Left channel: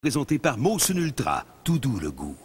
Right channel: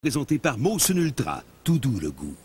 Présenté par Molson Ultra, tout doux le goût.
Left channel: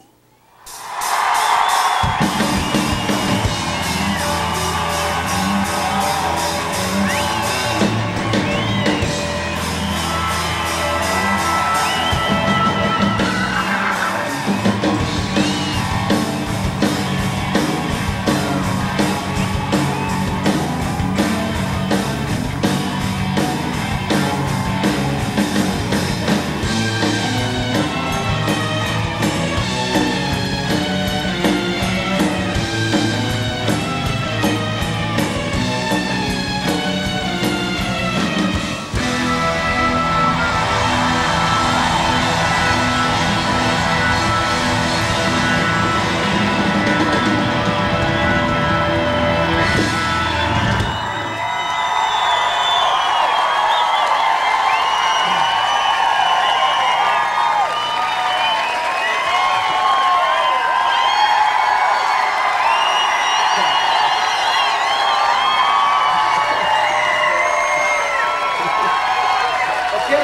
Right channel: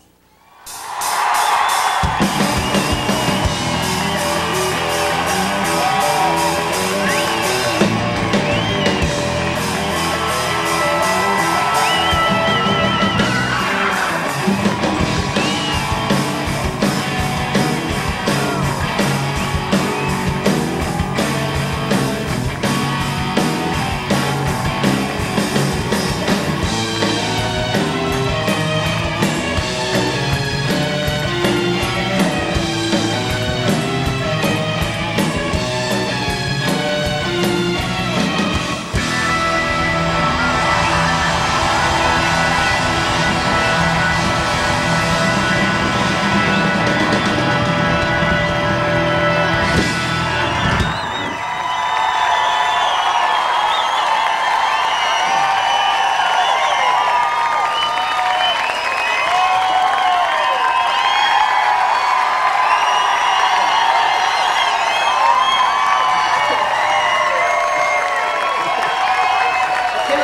OK.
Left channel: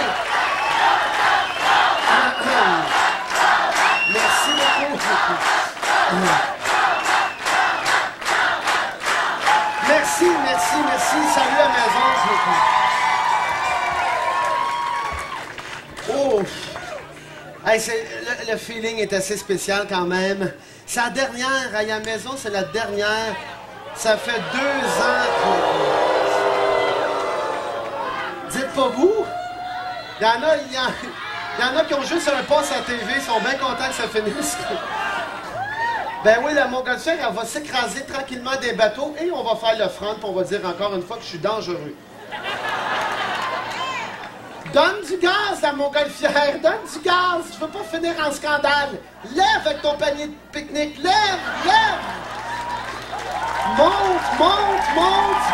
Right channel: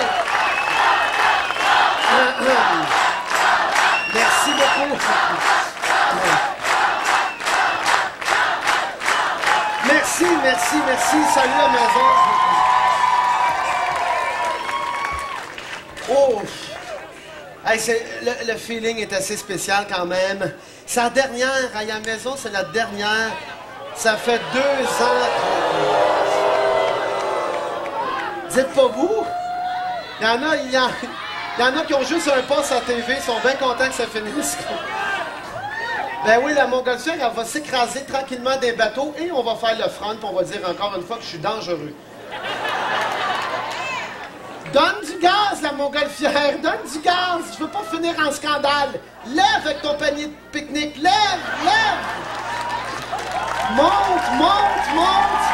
Merci beaucoup. Merci, merci, merci. Salut à la maison. Oh! Hey, le feeling est assez spécial quand même. C'est la dernière. À la maison, c'est la dernière. Ça fait 2 ans que... Dites pas vous. Il y en a qui ont juste un poste à la TV, ils sont bien contents que ça finisse. Ben oui, la montgolfière, elle va s'écraser tranquillement des bateaux et on va faire le front, puis on va dire encore une fois que je suis dangereux. Donne du gaz, la montgolfière, donne du gaz. Je veux pas finir en scandale. Lève avec ton panier de pique-nique, lève, lève. Monte, monte, monte.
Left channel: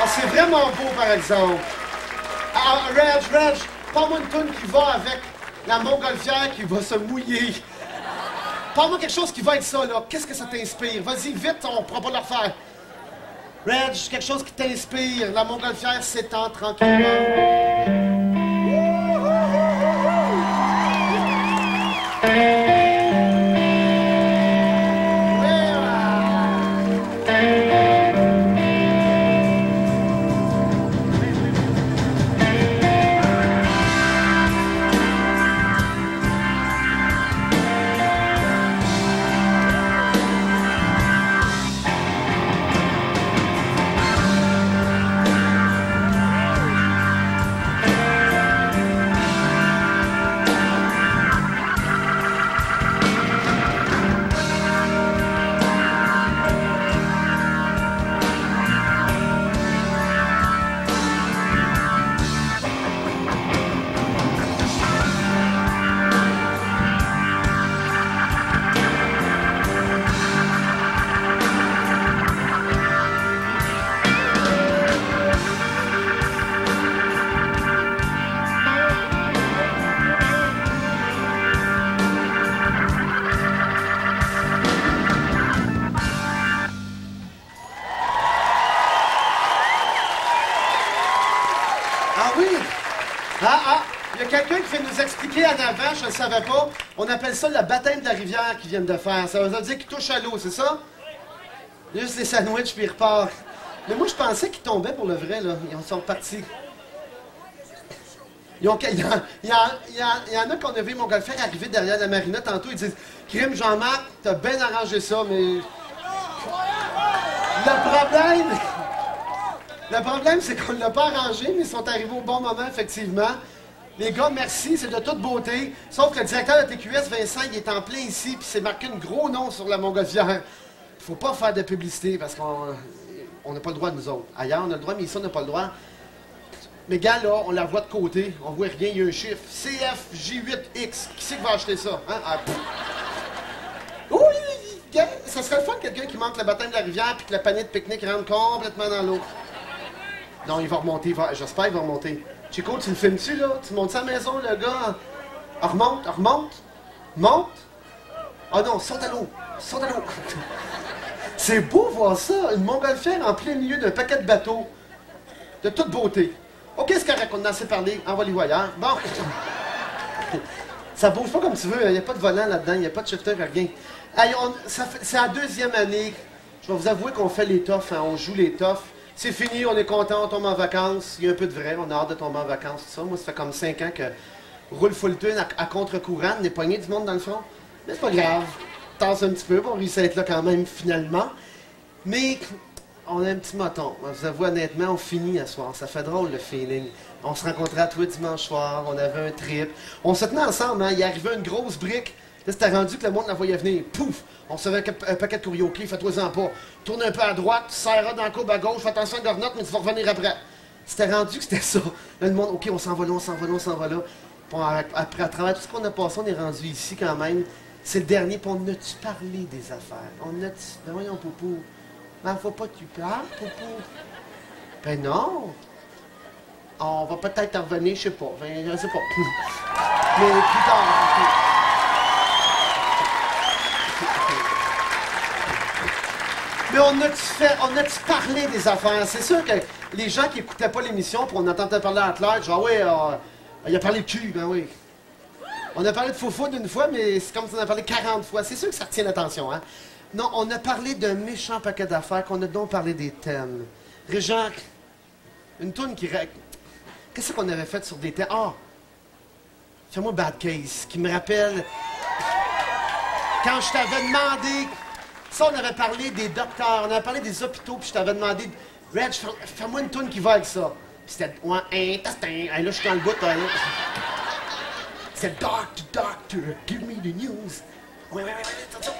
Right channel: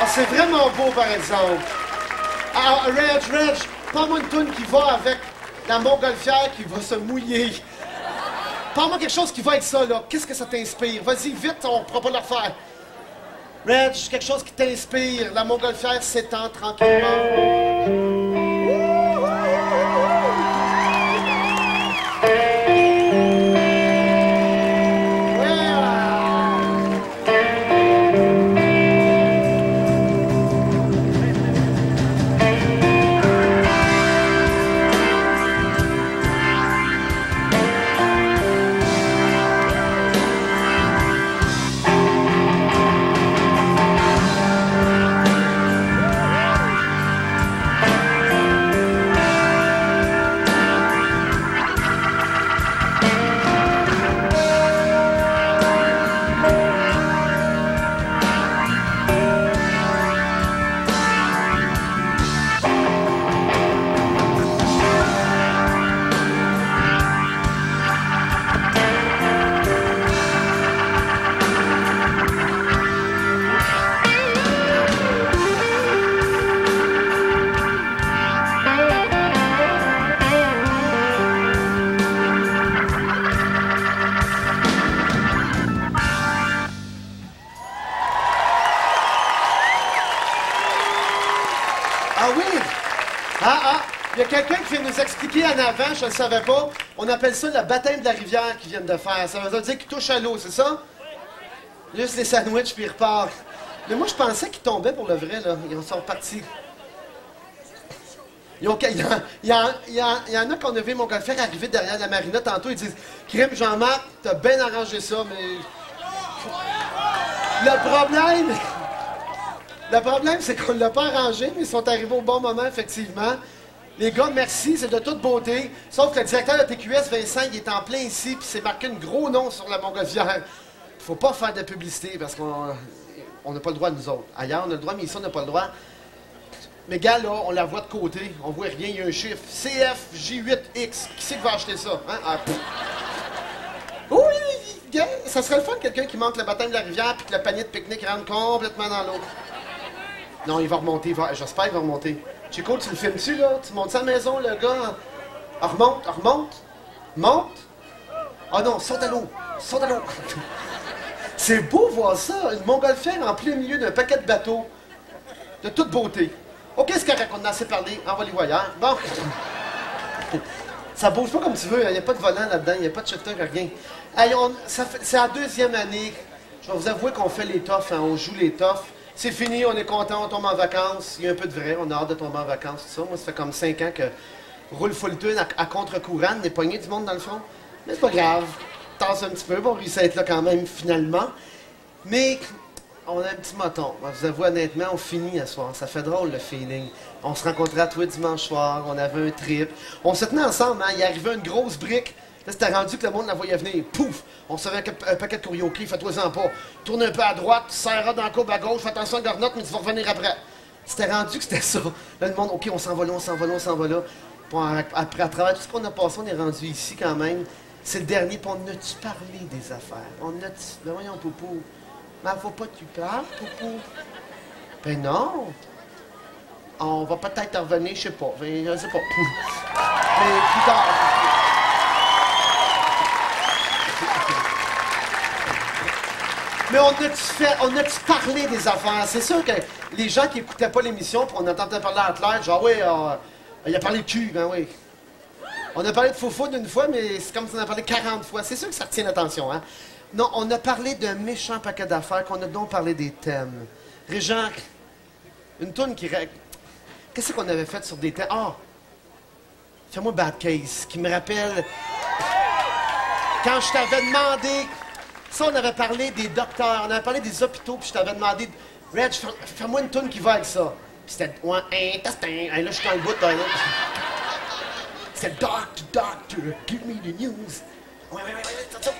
Ah, c'est vraiment beau, par exemple. Ah, Reg, parle-moi une toune qui va avec la montgolfière qui va se mouiller. Parle-moi quelque chose qui va avec ça, là. Qu'est-ce que ça t'inspire? Vas-y, vite, on ne pourra pas le refaire. Reg, quelque chose qui t'inspire. La montgolfière s'étend tranquillement. Ah oui? Il y a quelqu'un qui vient nous expliquer en avant, je ne le savais pas. On appelle ça le baptême de la rivière qu'ils viennent de faire. Ça veut dire qu'ils touchent à l'eau, c'est ça? Juste les sandwichs, puis ils repartent. Mais moi, je pensais qu'ils tombaient pour le vrai, là. Ils sont repartis. Il y en a qu'on a vu montgolfière arriver derrière la marina tantôt. Ils disent « Crime, Jean-Marc, t'as bien arrangé ça, mais... » Le problème, c'est qu'on ne l'a pas arrangé, mais ils sont arrivés au bon moment, effectivement. Les gars, merci, c'est de toute beauté. Sauf que le directeur de TQS, Vincent, il est en plein ici, puis c'est marqué un gros nom sur la montgolfière. Il faut pas faire de publicité, parce qu'on n'a pas le droit, nous autres. Ailleurs, on a le droit, mais ici, on n'a pas le droit. Mais gars, là, on la voit de côté, on voit rien, il y a un chiffre. CFJ8X. Qui c'est qui va acheter ça? Hein? Ah, oui, gars, ça serait le fun, quelqu'un qui manque le baptême de la rivière, puis que le panier de pique-nique rentre complètement dans l'eau. Non, il va remonter. J'espère qu'il va remonter. Chico, tu le filmes-tu, là? Tu montes ça à la maison, le gars? Ah, remonte, remonte. Monte. Ah non, saute à l'eau. Saute à l'eau. C'est beau voir ça. Une montgolfière en plein milieu d'un paquet de bateaux. De toute beauté. OK, c'est correct, on en a assez parlé. Envoie-les ailleurs. Bon. Ça bouge pas comme tu veux, il n'y a pas de volant là-dedans, il n'y a pas de shifter, rien. Hey, c'est la deuxième année. Je vais vous avouer qu'on fait les toughs, hein, on joue les toughs. C'est fini, on est content, on tombe en vacances. Il y a un peu de vrai, on a hâte de tomber en vacances, tout ça. Moi, ça fait comme 5 ans que roule full tune à contre-courant, on est pogné du monde dans le front. Mais c'est pas grave, tasse un petit peu, on réussit à être là quand même, finalement. Mais on a un petit moton. Je vous avoue honnêtement, on finit à soir. Ça fait drôle, le feeling. On se rencontrait à toi dimanche soir, on avait un trip. On se tenait ensemble, hein. Il arrivait une grosse brique. Là, c'était rendu que le monde la voyait venir. Pouf! On recevait un paquet de karaoké, fais-toi-en pas. Tourne un peu à droite, serre dans la courbe à gauche, fais attention à la gornotte, mais tu vas revenir après. C'était rendu que c'était ça. Là, le monde, OK, on s'en va là, on s'en va là, on s'en va là. Puis après, à travers tout ce qu'on a passé, on est rendu ici quand même. C'est le dernier, puis on a-tu parlé des affaires? On a-tu... Ben voyons, Poupou. Mais faut pas que tu parles, Poupou. Ben non. On va peut-être revenir, je sais pas. Ben, je sais pas. Mais plus tard. Mais on a-tu parlé des affaires? C'est sûr que les gens qui écoutaient pas l'émission, puis on entendait parler à Claire, genre, oui, il a parlé de cul, ben oui. On a parlé de faux d'une fois, mais c'est comme si on en a parlé 40 fois. C'est sûr que ça retient l'attention, hein? Non, on a parlé d'un méchant paquet d'affaires, qu'on a donc parlé des thèmes. Régent, une toune qui... Qu'est-ce qu'on avait fait sur des thèmes? Ah! Fais-moi Bad Case, qui me rappelle... Quand je t'avais demandé... Ça, on avait parlé des docteurs, on avait parlé des hôpitaux, puis je t'avais demandé... Reg, fais-moi une toune qui va avec ça. Puis c'était... Ouais, intestin. Là, je suis dans le bout, hein. C'était Doctor, Doctor, give me the news. Ouais, c'est ça.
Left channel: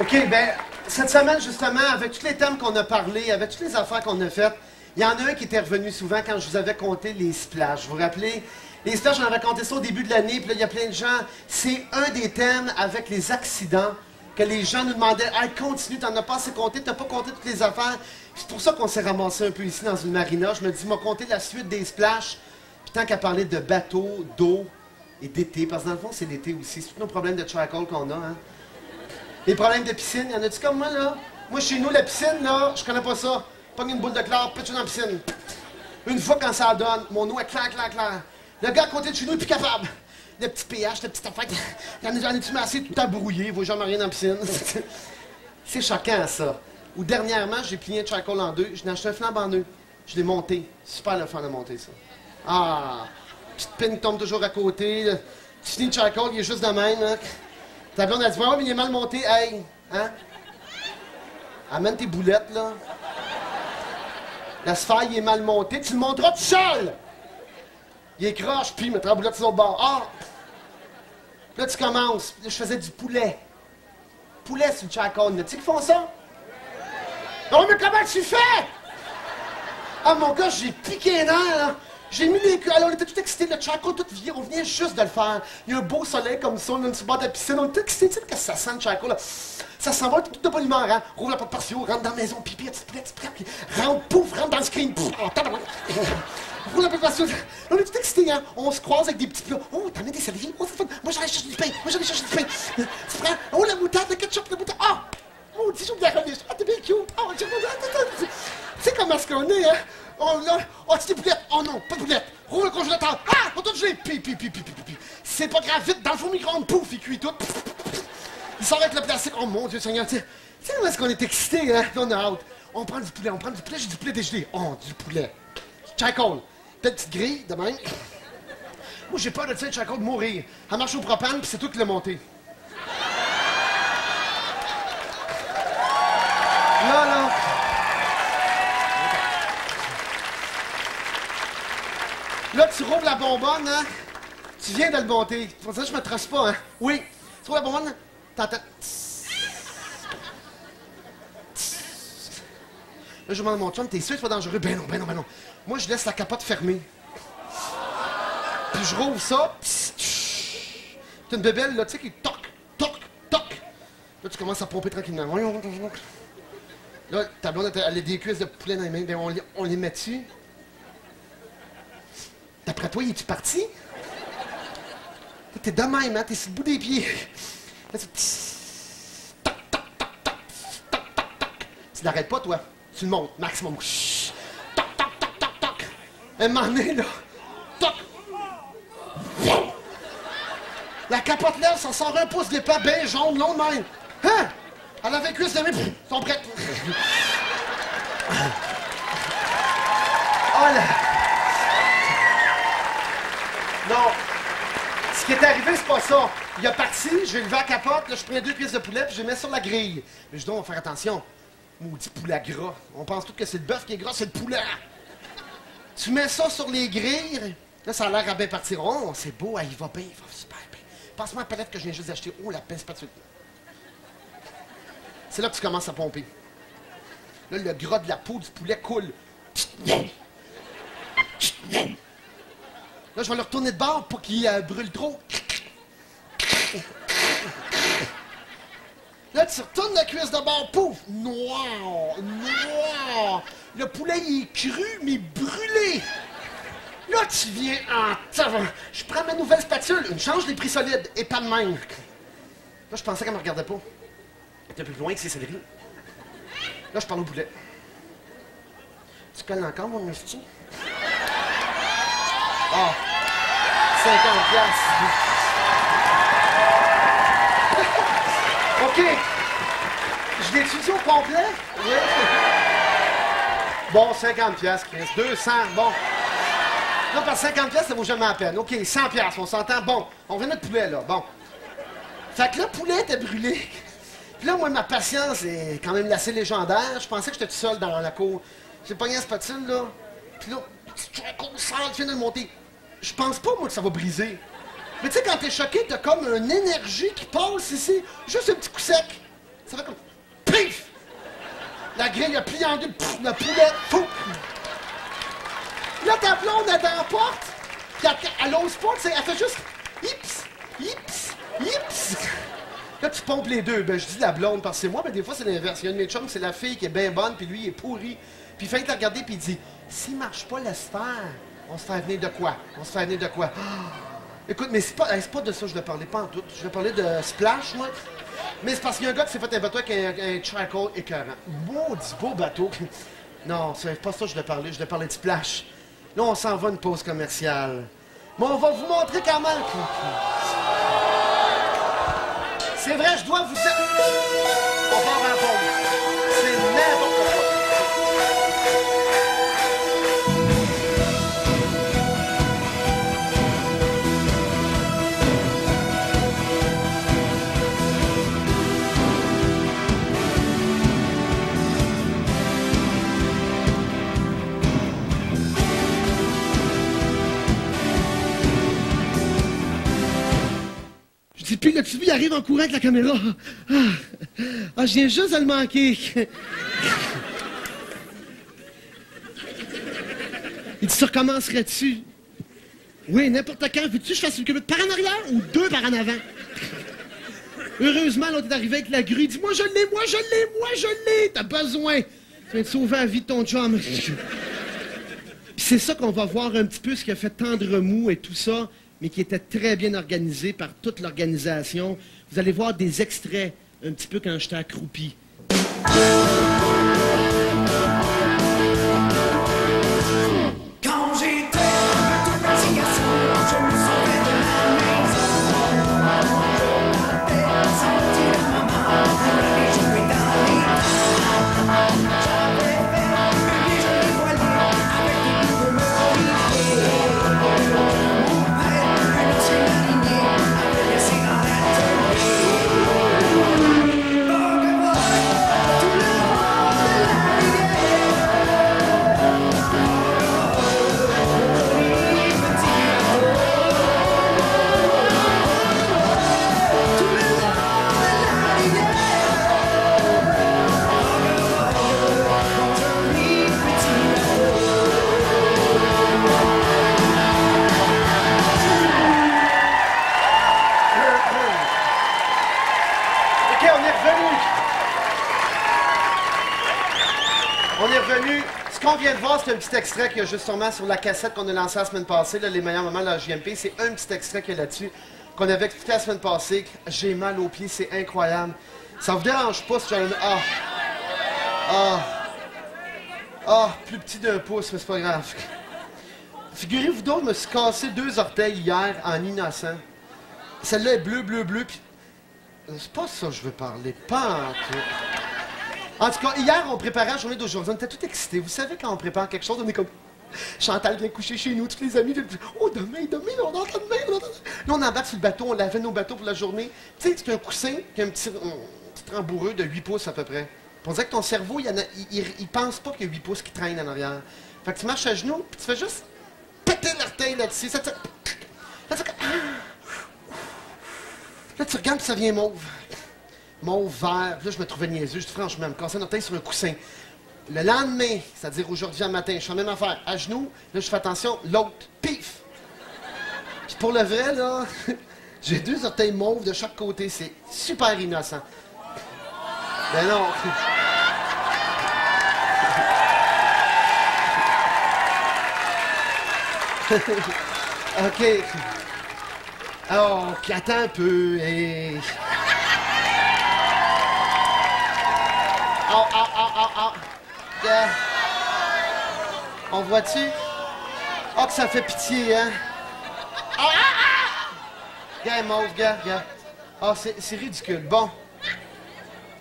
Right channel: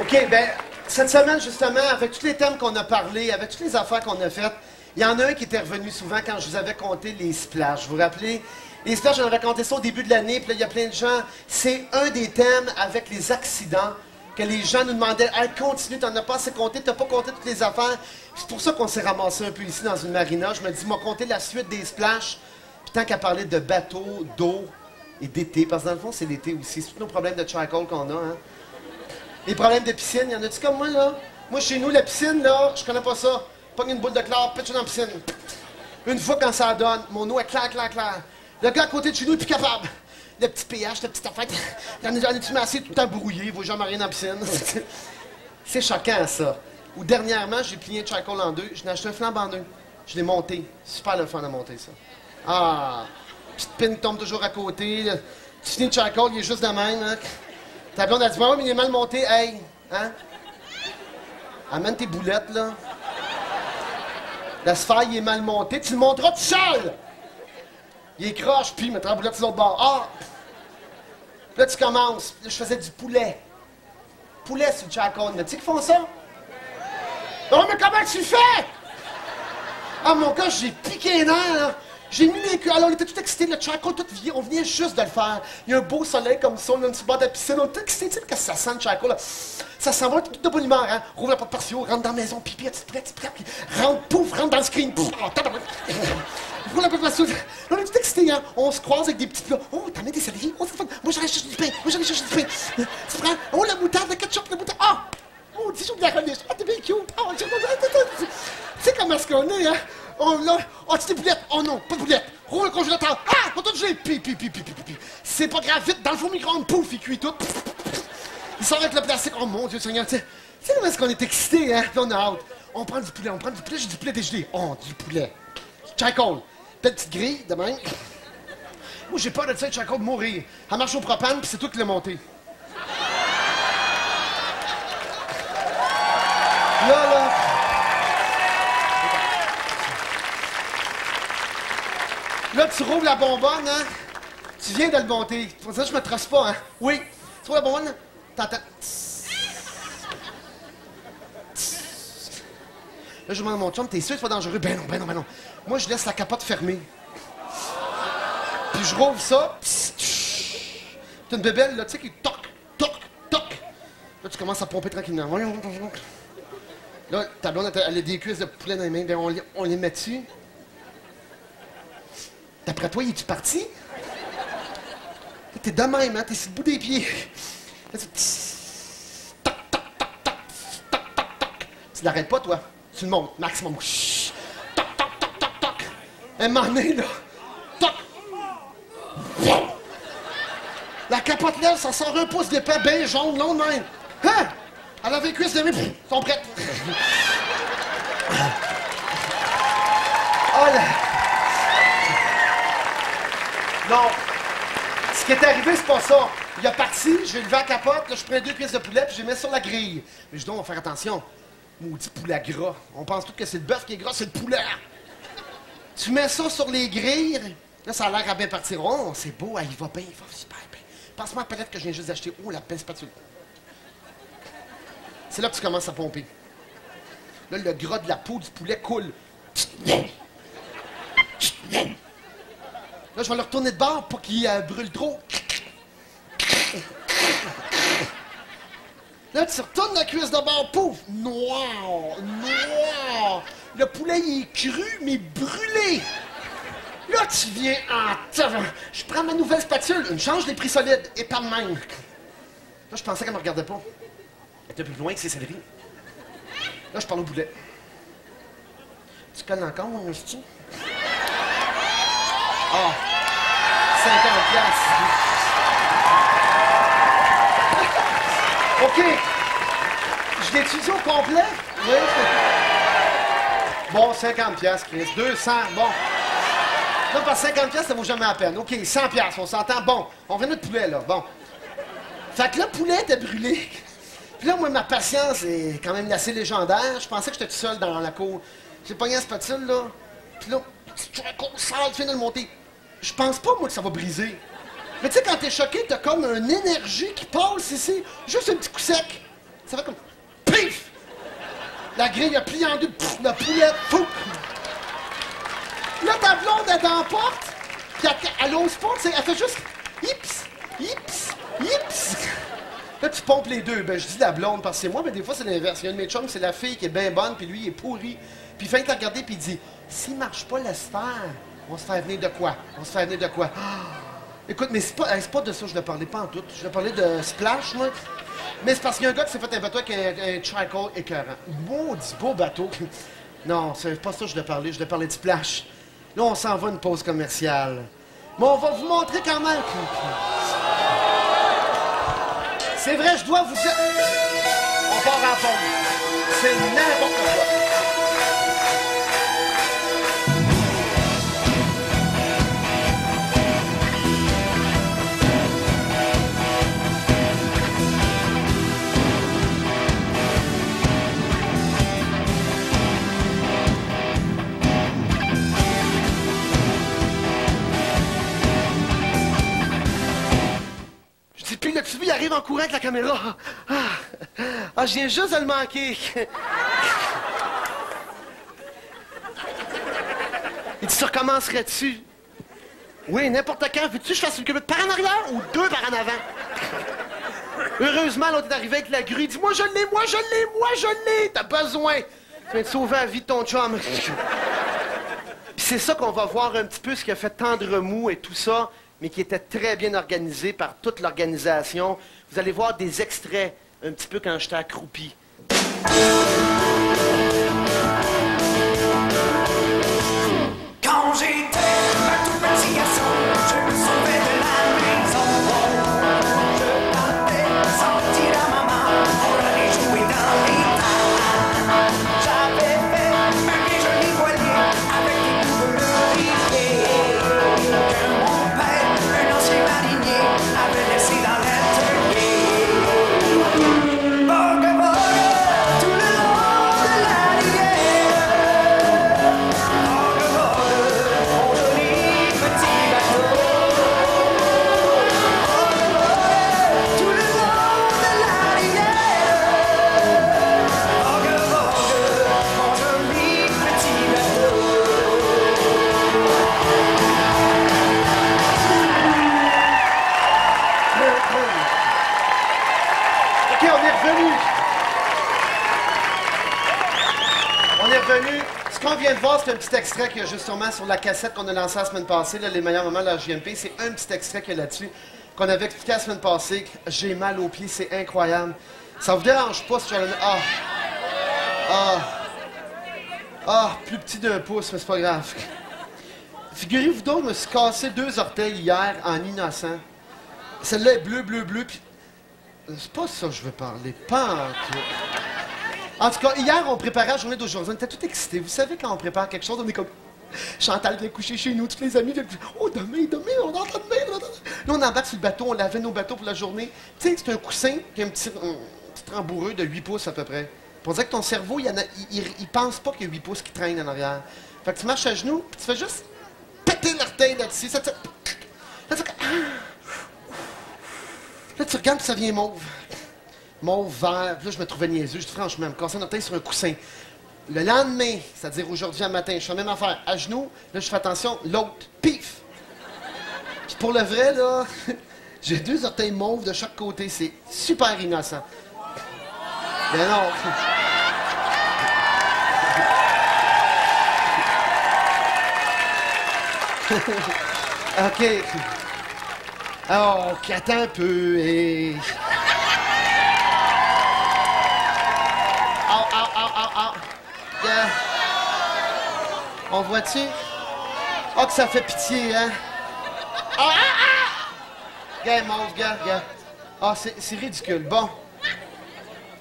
OK, bien, cette semaine, justement, avec tous les thèmes qu'on a parlé, avec toutes les affaires qu'on a faites, il y en a un qui était revenu souvent quand je vous avais compté les splashs. Vous vous rappelez? Les splashs, j'en avais compté ça au début de l'année, puis là, il y a plein de gens. C'est un des thèmes avec les accidents que les gens nous demandaient. Hey, continue, t'en as pas assez compté, t'as pas compté toutes les affaires. C'est pour ça qu'on s'est ramassé un peu ici dans une marina. Je me dis, m'a compté la suite des splashs, puis tant qu'à parler de bateaux, d'eau et d'été, parce que dans le fond, c'est l'été aussi. C'est tous nos problèmes de charcoal qu'on a, hein. Les problèmes de piscine, y en a-tu comme moi, là? Moi, chez nous, la piscine, là, je connais pas ça. Pogne une boule de clair, pitch dans la piscine. Une fois, quand ça donne, mon eau est claire. Le gars à côté de chez nous est plus capable. Le petit pH, la petite affaire, j'en ai-tu mis assez tout le temps brouillé, il vaut jamais rien dans la piscine. C'est choquant, ça. Ou dernièrement, j'ai plié un charcoal en deux, je n'ai acheté un flambe en deux. Je l'ai monté. Super le fun à monter, ça. Ah! Petite pin tombe toujours à côté. Tu finis le charcoal, il est juste de même, hein. Ta blonde a dit, ouais, mais il est mal monté. Hey, hein? Amène tes boulettes, là. La sphère, il est mal monté. Tu le monteras tout seul! Il est croche, puis il mettra la boulette sur l'autre bord. Ah! Puis là, tu commences. Là, je faisais du poulet. Poulet sur le charcoal. Tu sais qu'ils font ça? Oh, mais comment tu fais? Ah, mon gars, j'ai piqué les nerfs, là. J'ai mis des queues. Alors, on était tout excités. Le charcoal, tout vient. On venait juste de le faire. Il y a un beau soleil comme ça. On a une petite bord de la piscine. On était excités. Tu sais, qu'est-ce que ça sent, le charcoal, là? Ça s'en va tout de bonne humeur, hein? Rouvre la porte patio, rentre dans la maison, pipi, petite prête, puis rentre, pouf, rentre dans le screen. Pouf, oh, rouvre la porte patio. Là, on est tout excités, hein? On se croise avec des petits plats. Oh, t'en mets des céleri? Oh, c'est fun. Moi, j'allais chercher du pain. Tu prends, oh, la moutarde, le ketchup, la moutarde. Ah! Oh, dis-je de la relish. Ah, t'es bien cute. Oh, tu sais comment est-ce qu'on est, hein? Oh, là, oh, tu des boulettes. Oh non, pas de boulettes. Rouvre le congélateur. Ah, on t'a gelé. Pi. C'est pas grave, vite, dans le four micro-ondes. Pouf, il cuit tout. Il sort avec le plastique. Oh mon Dieu Seigneur, tu sais comment est-ce qu'on est excités, hein? Là, on a hâte. On prend du poulet, j'ai du poulet dégelé. Oh, du poulet. Charcoal. Peut-être petite grille, de même. Moi, j'ai peur de ça, charcoal, de mourir. Elle marche au propane, puis c'est toi qui l'as monté. Là. Là, tu rouvres la bonbonne, hein? Tu viens de le monter. Pour ça, je me trace pas, hein? Oui. Tu rouvres la bonbonne, t'entends. Là, je demande à mon chum, t'es sûr que c'est pas dangereux? Ben non. Moi, je laisse la capote fermée. Puis je rouvre ça. T'as une bébelle, là, tu sais, qui toc. Là, tu commences à pomper tranquillement. Là, ta blonde, elle a des cuisses de poulet dans les mains. On les met dessus. D'après toi, es-tu parti? T'es de même, hein? T'es sur le bout des pieds. Là, tu... Toc. Tu l'arrêtes pas, toi. Tu le montes, maximum. Toc. Un moment donné, là. Toc. La capote lève, ça sort un pouce d'épais, bien jaune, long de même. Hein? Elle avait les cuisses de main, sont prêtes. Oh là! Non. Ce qui est arrivé, c'est pas ça. Il est parti, j'ai levé la capote, là, je prends 2 cuisses de poulet, puis je les mets sur la grille. Mais je dis, on va faire attention. Maudit poulet gras. On pense tout que c'est le bœuf qui est gras, c'est le poulet. Tu mets ça sur les grilles, là, ça a l'air à bien partir. Oh, c'est beau, il va bien, il va super bien. Passe-moi la palette que je viens juste d'acheter. Oh, la belle spatule. C'est là que tu commences à pomper. Là, le gras de la peau du poulet coule. Là, je vais le retourner de bord pour qu'il brûle trop. Là, tu retournes la cuisse de bord, pouf! Noir! Le poulet, il est cru, mais brûlé! Là, tu viens en... Je prends ma nouvelle spatule, une change des prix solides, et pas de même. Là, je pensais qu'elle me regardait pas. Elle était plus loin que ses céleris. Là, je parle au poulet. Tu colles encore, mon hostie? Ah! 50$. OK. Je l'étudie au complet? Oui. Bon, 50$, Chris. 200, bon. Non, parce que 50$, ça vaut jamais la peine. OK, 100$, on s'entend. Bon, on revient notre poulet, là. Bon. Fait que le poulet était brûlé. Puis là, moi, ma patience est quand même assez légendaire. Je pensais que j'étais tout seul dans la cour. J'ai pogné la spatule, là. Puis là, tu viens de le monter. Je pense pas, moi, que ça va briser. Mais tu sais, quand t'es choqué, t'as comme une énergie qui passe ici. Juste un petit coup sec. Ça fait comme... Pif! La grille a plié en deux. Pff, le poulet, pouf! Là, ta blonde, elle est dans la porte. Puis elle ose pas, tu sais. Elle fait juste... Hips! Là, tu pompes les deux. Ben, je dis la blonde parce que c'est moi, mais des fois, c'est l'inverse. Il y a une de mes chums, c'est la fille qui est bien bonne, puis lui, il est pourri. Puis il fait te regarder, puis il dit, s'il marche pas, laisse faire. On se fait venir de quoi? Ah! Écoute, mais c'est pas de ça que je voulais parler, pas en tout. Je voulais parler de Splash, moi. Mais c'est parce qu'il y a un gars qui s'est fait un bateau avec un charcoal écœurant. Maudit beau bateau. Non, c'est pas ça que je voulais parler. Je voulais parler de Splash. Là, on s'en va une pause commerciale. Mais on va vous montrer quand même. C'est vrai, je dois vous dire... On part en pause. C'est n'importe quoi. Puis le petit il arrive en courant avec la caméra. Je viens juste de le manquer. Il dit, ça recommencerait-tu? Oui, n'importe quand. Veux-tu que je fasse une culbute par en arrière ou 2 par en avant? Heureusement, l'autre est arrivé avec la grue. Il dit, moi je l'ai. T'as besoin. Tu viens de sauver la vie de ton chum. Puis c'est ça qu'on va voir un petit peu, ce qui a fait tendre mou et tout ça, mais qui était très bien organisé par toute l'organisation. Vous allez voir des extraits un petit peu quand j'étais accroupi. Quand j'étais un tout petit garçon, je me sauvais de la maison. Je partais sans le dire à maman pour aller jouer dans les temps. J'avais laissé dans l'atelier. Vogue, vogue, tout le long de la rivière. Vogue, vogue, mon joli petit bateau. Vogue, vogue, tout le long de la rivière. Vogue, vogue, mon joli petit bateau. OK, on est revenu. On est revenu. Ce qu'on vient de voir, c'est un petit extrait qu'il y a justement sur la cassette qu'on a lancée la semaine passée, là, les meilleurs moments de la JMP. C'est un petit extrait qu'il y a là-dessus qu'on avait expliqué la semaine passée. J'ai mal aux pieds, c'est incroyable. Ça vous dérange pas si j'en ai... plus petit d'un pouce, mais c'est pas grave. Figurez-vous donc, je me suis cassé 2 orteils hier en innocent. Celle-là est bleu, bleu, bleu, puis... C'est pas ça que je veux parler, pas en tout. En tout cas, hier, on préparait la journée d'aujourd'hui. On était tout excités. Vous savez, quand on prépare quelque chose, on est comme... Chantal vient coucher chez nous, tous les amis viennent coucher. Oh, demain, on entend demain, Là, on embarque sur le bateau, on lavait nos bateaux pour la journée. Tu sais, c'est un coussin qui a un petit rembourreux de 8 pouces à peu près. Pour dire que ton cerveau, il pense pas qu'il y a 8 pouces qui traînent en arrière. Fait que tu marches à genoux, puis tu fais juste péter l'orteil là-dessus. Là, tu regardes, puis ça vient mauve. Mauve, vert. Puis là, je me trouvais niaiseux. Je dis, franchement, me casser un orteil sur un coussin. Le lendemain, c'est-à-dire aujourd'hui matin, je fais la même affaire. À genoux, là, je fais attention, l'autre, pif! Puis pour le vrai, là, j'ai 2 orteils mauves de chaque côté. C'est super innocent. Ben non. OK. Oh, attends un peu et... Oh. Yeah. On voit-tu? Oh, que ça fait pitié, hein? Gars, mauve, gars. Ah, c'est ridicule. Bon.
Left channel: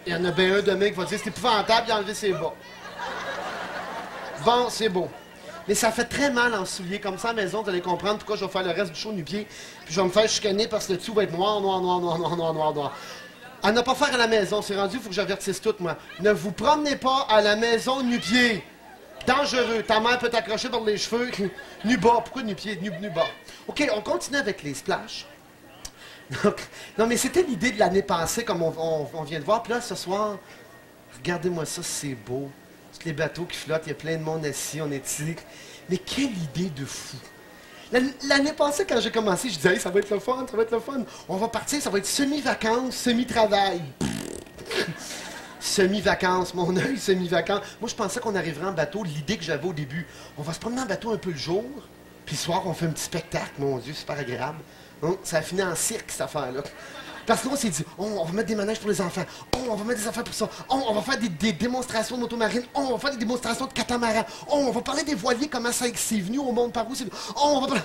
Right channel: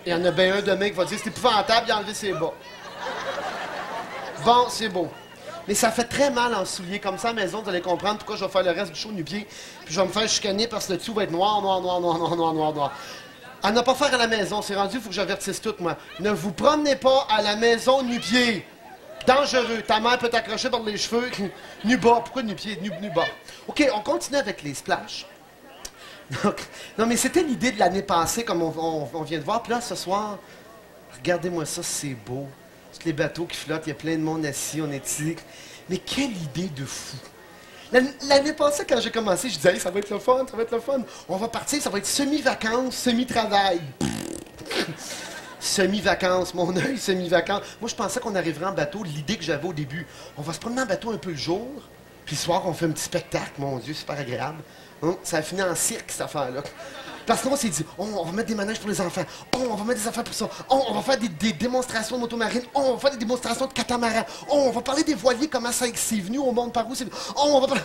Il y en a bien un demain qui va dire c'est épouvantable, il a enlevé ses bas. Bon, c'est beau. Mais ça fait très mal en souliers. Comme ça, à la maison, vous allez comprendre pourquoi je vais faire le reste du show nu-pied. Puis je vais me faire chicaner parce que le dessous va être noir. À ne pas faire à la maison. C'est rendu, il faut que j'avertisse tout, moi. Ne vous promenez pas à la maison nu-pied. Dangereux. Ta mère peut t'accrocher par les cheveux. Nu-bas. Pourquoi nu-pied? Nu-bas. OK, on continue avec les splashs. Donc, non, mais c'était l'idée de l'année passée, comme on vient de voir. Puis là, ce soir, regardez-moi ça, c'est beau. Tous les bateaux qui flottent, il y a plein de monde assis, on est ici. Mais quelle idée de fou! L'année passée, quand j'ai commencé, je disais hey, ça va être le fun. On va partir, ça va être semi-vacances, semi-travail. Semi-vacances, mon œil, semi-vacances. Moi, je pensais qu'on arriverait en bateau, l'idée que j'avais au début. On va se promener en bateau un peu le jour, puis le soir, on fait un petit spectacle, mon Dieu, super agréable. Ça a fini en cirque, cette affaire-là. Parce qu'on s'est dit, on va mettre des manèges pour les enfants. On va mettre des affaires pour ça. On va faire des démonstrations de motomarine. On va faire des démonstrations de catamaran. On va parler des voiliers, comment ça c'est venu au monde, par où c'est... On va parler...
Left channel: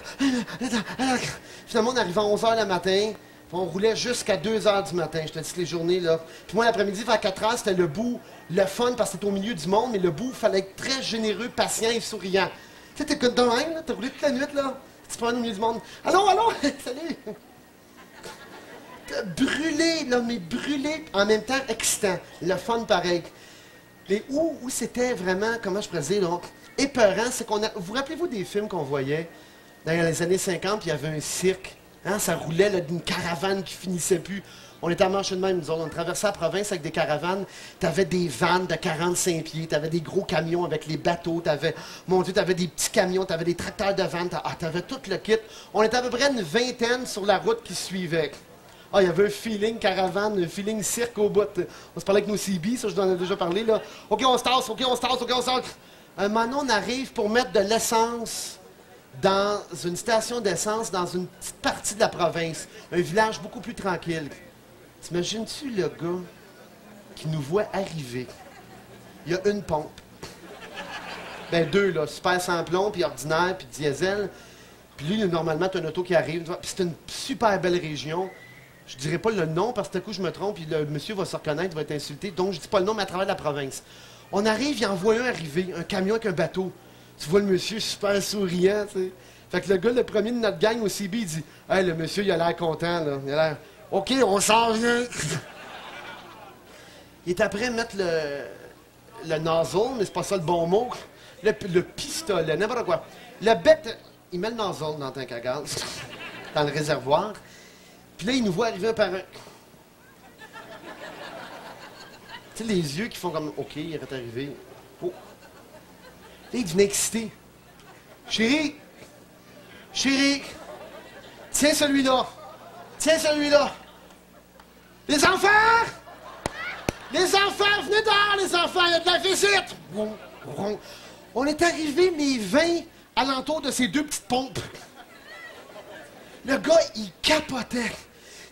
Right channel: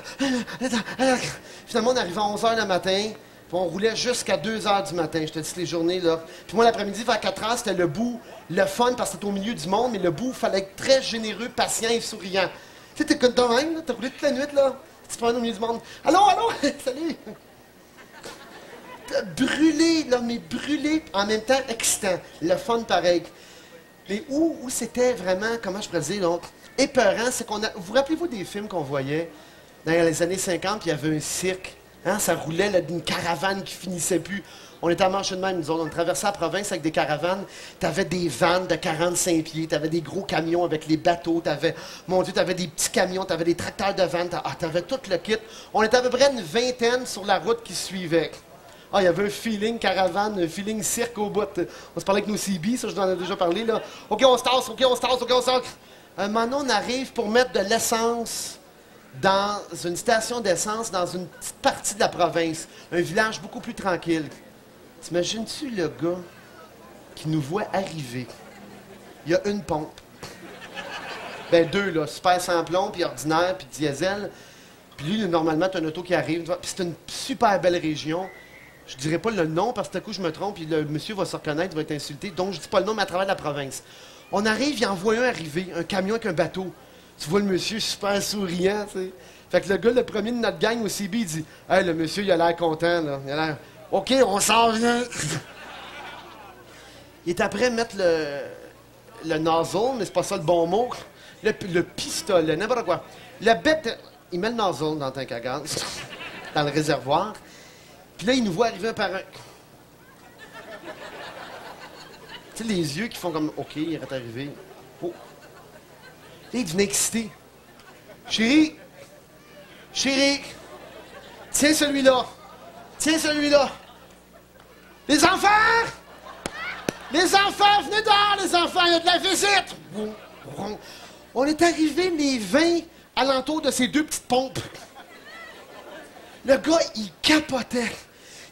Finalement, on arrivait à 11h le matin, puis on roulait jusqu'à 2h du matin. Je te dis les journées, là. Puis moi, l'après-midi, vers 4h, c'était le bout, le fun, parce que c'était au milieu du monde, mais le bout, il fallait être très généreux, patient et souriant. Tu sais, t'es comme de même, là. T'as roulé toute la nuit, là. Tu te prends au milieu du monde. Allô, salut! Brûlé, là, mais brûlé, en même temps excitant. Le fun pareil. Mais où c'était vraiment, comment je pourrais dire, donc, épeurant, c'est qu'on a... Vous rappelez-vous des films qu'on voyait dans les années 50, puis il y avait un cirque, hein, ça roulait là, d'une caravane qui finissait plus. On était à marcher de même, nous autres. On traversait la province avec des caravanes. T'avais des vannes de 45 pieds, t'avais des gros camions avec les bateaux, mon Dieu, t'avais des petits camions, t'avais des tracteurs de vannes, t'avais tout le kit. On était à peu près une vingtaine sur la route qui suivait. Ah, il y avait un feeling caravane, un feeling cirque au bout. On se parlait avec nos CB, ça, je vous en ai déjà parlé, là. OK, on se tasse. Un moment, on arrive pour mettre de l'essence dans une station d'essence dans une petite partie de la province. Un village beaucoup plus tranquille. T'imagines-tu le gars qui nous voit arriver? Il y a une pompe. Ben, 2, là. Super sans plomb, puis ordinaire, puis diesel. Puis lui, normalement, t'as un auto qui arrive. Puis c'est une super belle région. Je dirais pas le nom parce que tout à coup je me trompe et le monsieur va se reconnaître, il va être insulté. Donc je dis pas le nom, mais à travers la province. On arrive, il en voit un arriver, un camion avec un bateau. Tu vois le monsieur super souriant, tu sais. Fait que le gars, le premier de notre gang au CB, il dit « Hey, le monsieur, il a l'air content, là. Il a l'air... OK, on s'en vient. » Il est après mettre le nozzle, mais c'est pas ça le bon mot. Le pistolet, n'importe quoi. Le bec, il met le nozzle dans le tank à gaz, dans le réservoir. Puis là, il nous voit arriver un par un. Tu sais, les yeux qui font comme, OK, il est arrivé. Oh. Là, il devient excité. Chérie, tiens celui-là. Tiens celui-là. Les enfants! Les enfants, venez dehors, les enfants, il y a de la visite! On est arrivé les 20 alentour de ces deux petites pompes. Le gars, il capotait.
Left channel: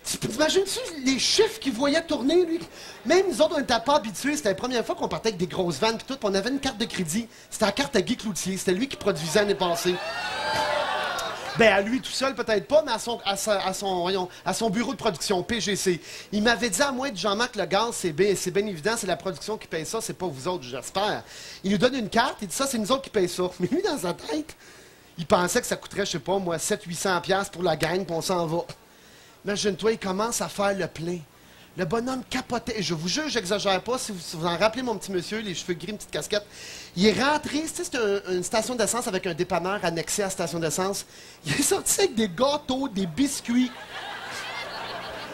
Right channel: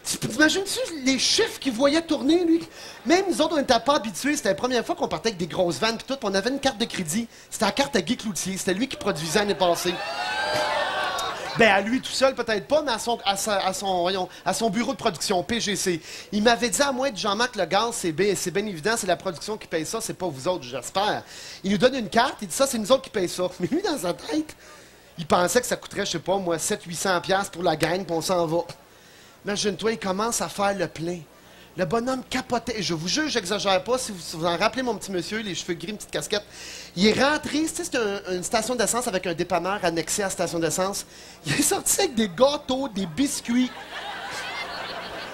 T'imagines-tu les chiffres qu'il voyait tourner, lui? Même nous autres, on n'était pas habitués. C'était la première fois qu'on partait avec des grosses vannes puis tout. On avait une carte de crédit. C'était la carte à Guy Cloutier. C'était lui qui produisait l'année passée. Ben, à lui tout seul, peut-être pas, mais à son bureau de production, PGC. Il m'avait dit à moi, Jean-Marc, le gaz, c'est bien évident, c'est la production qui paye ça, c'est pas vous autres, j'espère. Il nous donne une carte, il dit ça, c'est nous autres qui payent ça. Mais lui, dans sa tête, il pensait que ça coûterait, je sais pas, moi, 700-800$ pour la gang, puis on s'en va. Imagine-toi, il commence à faire le plein. Le bonhomme capotait. Je vous jure, j'exagère pas. Si vous en rappelez, mon petit monsieur, les cheveux gris, une petite casquette. Il est rentré, c'était une station d'essence avec un dépanneur annexé à la station d'essence. Il est sorti avec des gâteaux, des biscuits.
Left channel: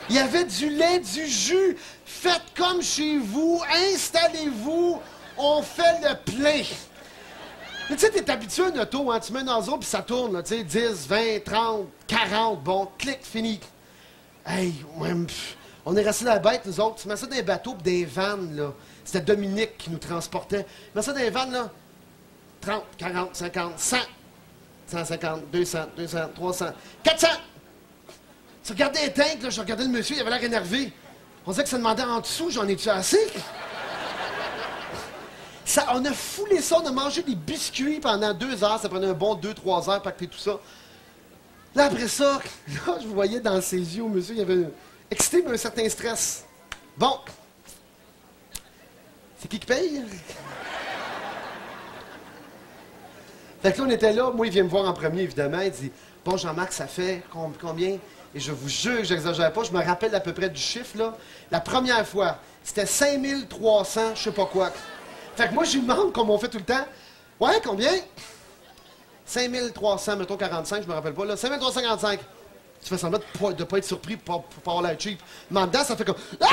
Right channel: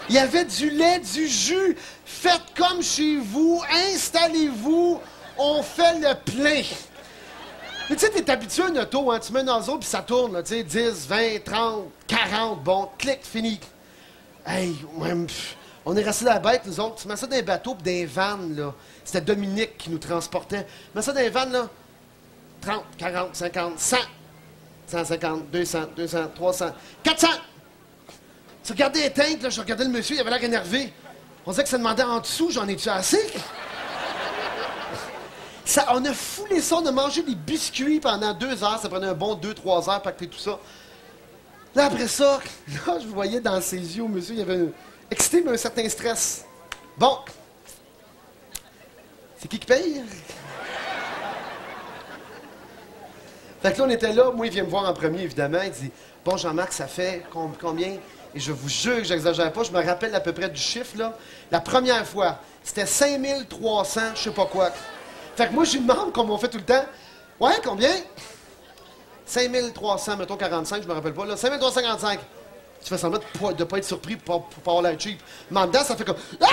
Il y avait du lait, du jus. Faites comme chez vous, installez-vous, on fait le plein. Mais tu sais, t'es habitué à une auto, hein? Tu mets un nozzle puis ça tourne, là, tu sais, 10, 20, 30, 40, bon, clic, fini. Hey, on est restés la bête, nous autres. Tu mets ça dans des bateaux pis des vannes, là. C'était Dominique qui nous transportait. Tu mets ça dans des vannes, là. 30, 40, 50, 100. 150, 200, 300, 400. Tu regardais les tanks, là, je regardais le monsieur, il avait l'air énervé. On disait que ça demandait en dessous, j'en ai-tu assez? Ça, on a foulé ça, on a mangé des biscuits pendant 2 heures. Ça prenait un bon 2-3 heures pacter tout ça. Là, après ça, là, je voyais dans ses yeux, monsieur, il y avait excité, mais un certain stress. Bon. C'est qui paye? Fait que là, on était là. Moi, il vient me voir en premier, évidemment. Il dit, « Bon, Jean-Marc, ça fait combien? » Et je vous jure que j'exagère pas. Je me rappelle à peu près du chiffre, là. La première fois, c'était 5300, je sais pas quoi. Fait que moi, je lui demande, comme on fait tout le temps, « Ouais, combien? » 5300, mettons 45, je me rappelle pas, là. 5355. Tu fais semblant de pas être surpris pour pas avoir l'air cheap. Mais en dedans, ça fait comme... Ah!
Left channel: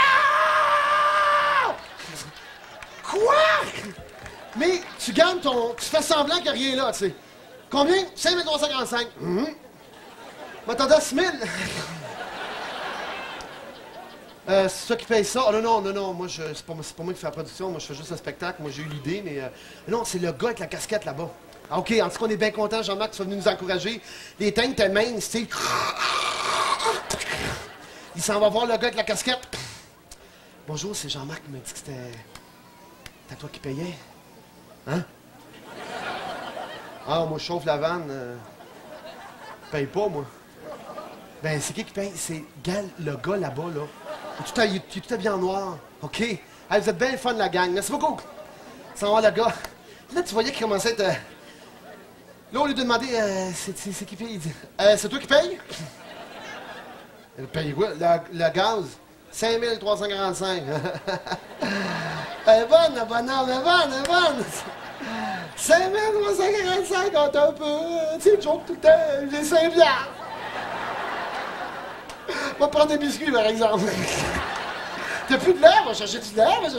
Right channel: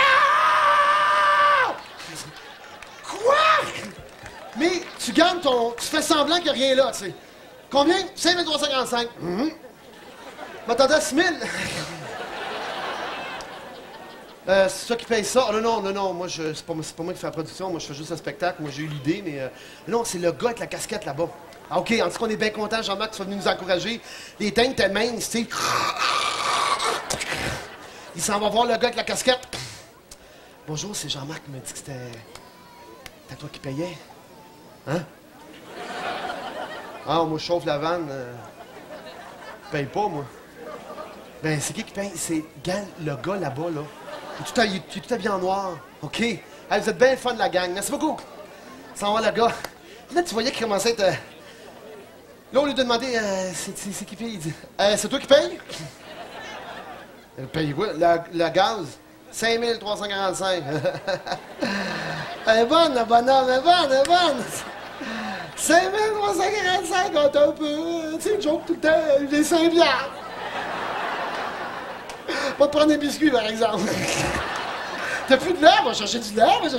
Quoi? Mais tu gardes ton... Tu fais semblant qu'il n'y a rien là, tu sais. Combien? 5355. M'attendais à 6000. C'est ça qui paye ça. Oh, non, moi, c'est pas moi qui fais la production. Moi, je fais juste un spectacle. Moi, j'ai eu l'idée, mais... non, c'est le gars avec la casquette là-bas. Ah, OK, en tout cas, on est bien contents, Jean-Marc, que tu sois venu nous encourager. Les tanks étaient minces, tu sais. Il s'en va voir le gars avec la casquette. Bonjour, c'est Jean-Marc qui m'a dit que c'était toi qui payais. Hein? Ah, moi, je chauffe la vanne. Je paye pas, moi. Ben, c'est qui paye? C'est le gars là-bas, là. Il est tout habillé en noir. OK. Hey, vous êtes bien le fun, la gang. Merci beaucoup. Ça va, le gars. Là, tu voyais qu'il commençait à être... Là, au lieu de demander, c'est qui paye? Il dit, c'est toi qui paye? Elle paye quoi? Le gaz? 5345. Elle est bonne, la bonhomme, elle est bonne. 5345, on est un peu... Tu sais, joke tout le temps, j'ai 5 bières. Va prendre un biscuit, par exemple. T'as plus de l'air? Va chercher du lait, Tu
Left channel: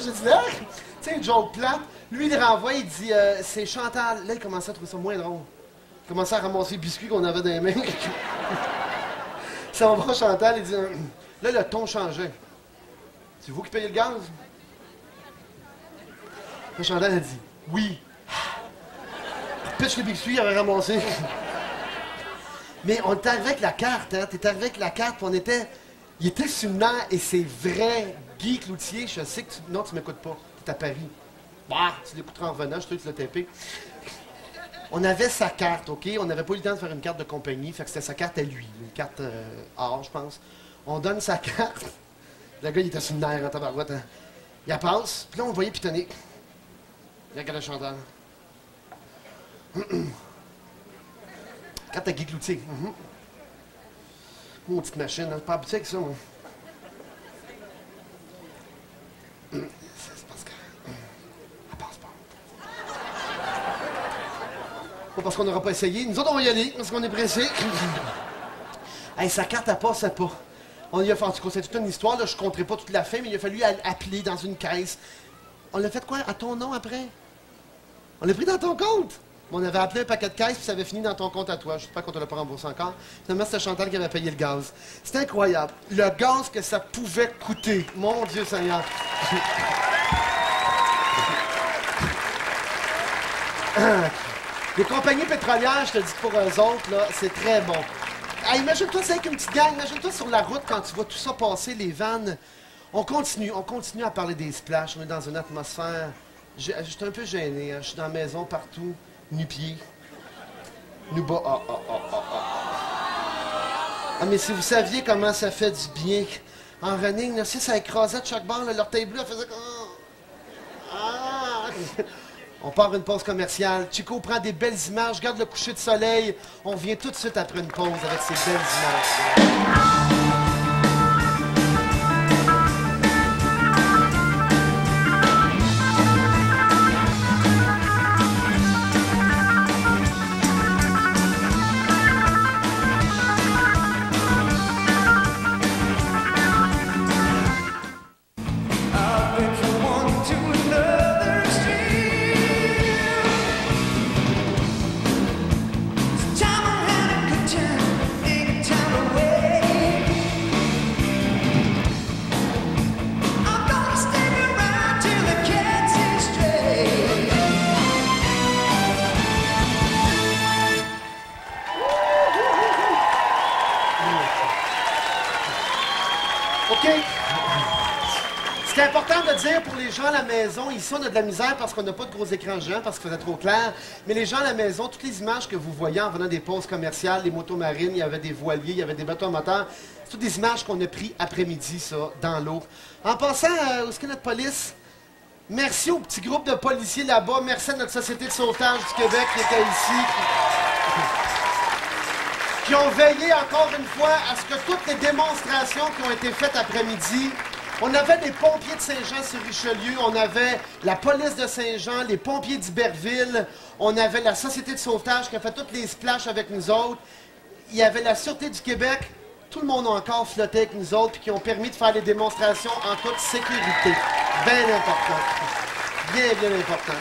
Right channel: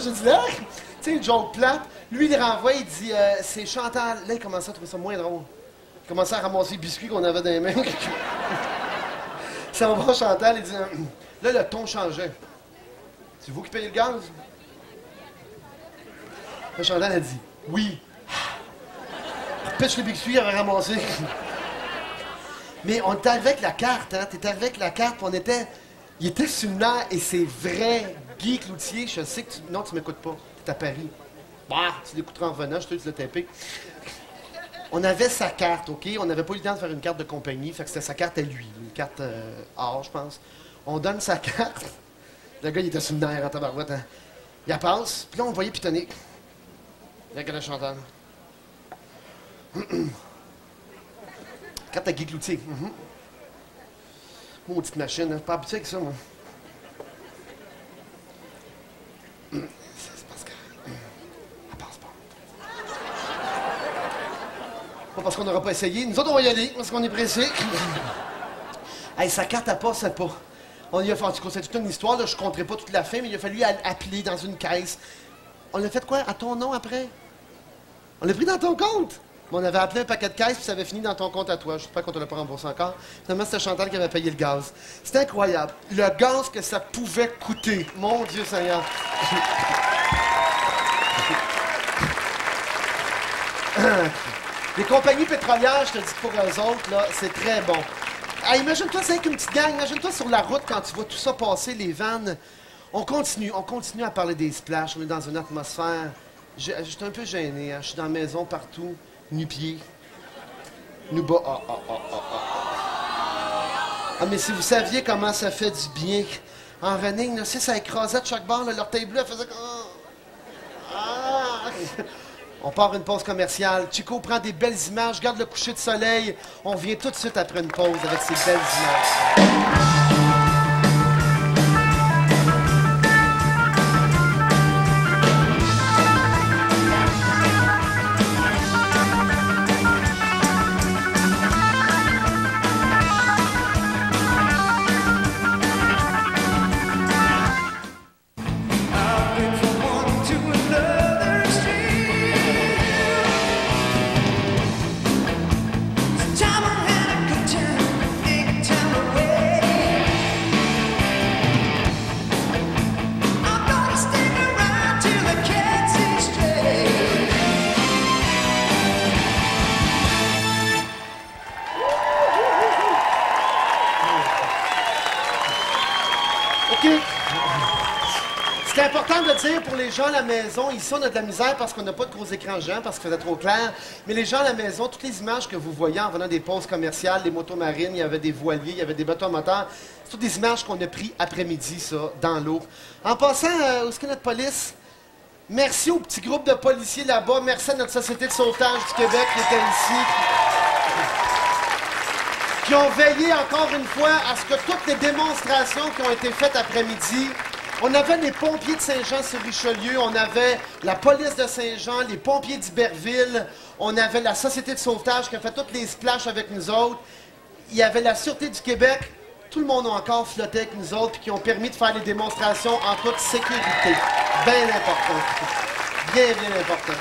sais, joke plate. Lui, il renvoie, il dit, c'est Chantal. Là, il commençait à trouver ça moins drôle. Il commençait à ramasser les biscuits qu'on avait dans les mains. Ça va voir Chantal, il dit, là, le ton changeait. C'est vous qui payez le gaz? Là, Chantal a dit, oui. Pêche les biscuits, il avait ramassé. Mais on était arrivé avec la carte, hein. T'es arrivé avec la carte, puis on était... Il était sur le nerf, et c'est vrai, Guy Cloutier, je sais que tu... Non, tu m'écoutes pas. T'es à Paris. Bah, tu l'écouteras en revenant, je te dis, tu l'as tapé. On avait sa carte, OK? On n'avait pas eu le temps de faire une carte de compagnie, fait que c'était sa carte à lui, une carte or, je pense. On donne sa carte. Le gars, il était sur le nerf en tabarouette. Hein. Il la passe, puis là, on le voyait pitonner. Il regarde Chantal. Carte à Guy Cloutier. Maudite machine, hein? Pas habitué avec ça, moi. C'est parce que... Elle passe pas. Pas parce qu'on n'aura pas essayé. Nous autres, on va y aller, parce qu'on est pressés. Hey, sa carte, elle passe pas. On y a fait, en tout cas, c'est toute une histoire, là. Je ne compterai pas toute la fin, mais il a fallu appeler dans une caisse. On l'a fait quoi? À ton nom, après? On l'a pris dans ton compte? Mais on avait appelé un paquet de caisses, puis ça avait fini dans ton compte à toi. Je sais pas qu'on te l'a pas remboursé encore. Finalement, c'était Chantal qui avait payé le gaz. C'était incroyable. Le gaz que ça pouvait coûter. Mon Dieu Seigneur. Les compagnies pétrolières, je te dis pour eux autres, là, c'est très bon. Ah, imagine-toi, c'est avec une petite gang. Imagine-toi sur la route quand tu vois tout ça passer, les vannes. On continue à parler des splashs. On est dans une atmosphère. Je suis un peu gêné. Hein. Je suis dans la maison partout, nu-pieds. Nu-bas. Ah, mais si vous saviez comment ça fait du bien. En running, là, si ça écrasait de chaque barre, l'orteil bleu, elle faisait comme... Ah! On part une pause commerciale. Chico prend des belles images, regarde le coucher de soleil. On revient tout de suite après une pause avec ces belles images. OK. C'est important de dire pour les gens à la maison, ici on a de la misère parce qu'on n'a pas de gros écrans géants, parce qu'il faisait trop clair, mais les gens à la maison, toutes les images que vous voyez en venant des pauses commerciales, les motos marines, il y avait des voiliers, il y avait des bateaux à moteur, c'est toutes des images qu'on a prises après-midi, ça, dans l'eau. En passant, où est-ce que notre police? Merci au petit groupe de policiers là-bas, merci à notre Société de sauvetage du Québec qui était ici, qui ont veillé encore une fois à ce que toutes les démonstrations qui ont été faites après-midi. On avait les pompiers de Saint-Jean-sur-Richelieu, on avait la police de Saint-Jean, les pompiers d'Iberville, on avait la Société de sauvetage qui a fait toutes les splashs avec nous autres. Il y avait la Sûreté du Québec. Tout le monde a encore flotté avec nous autres et qui ont permis de faire les démonstrations en toute sécurité. Bien important. Bien, bien important.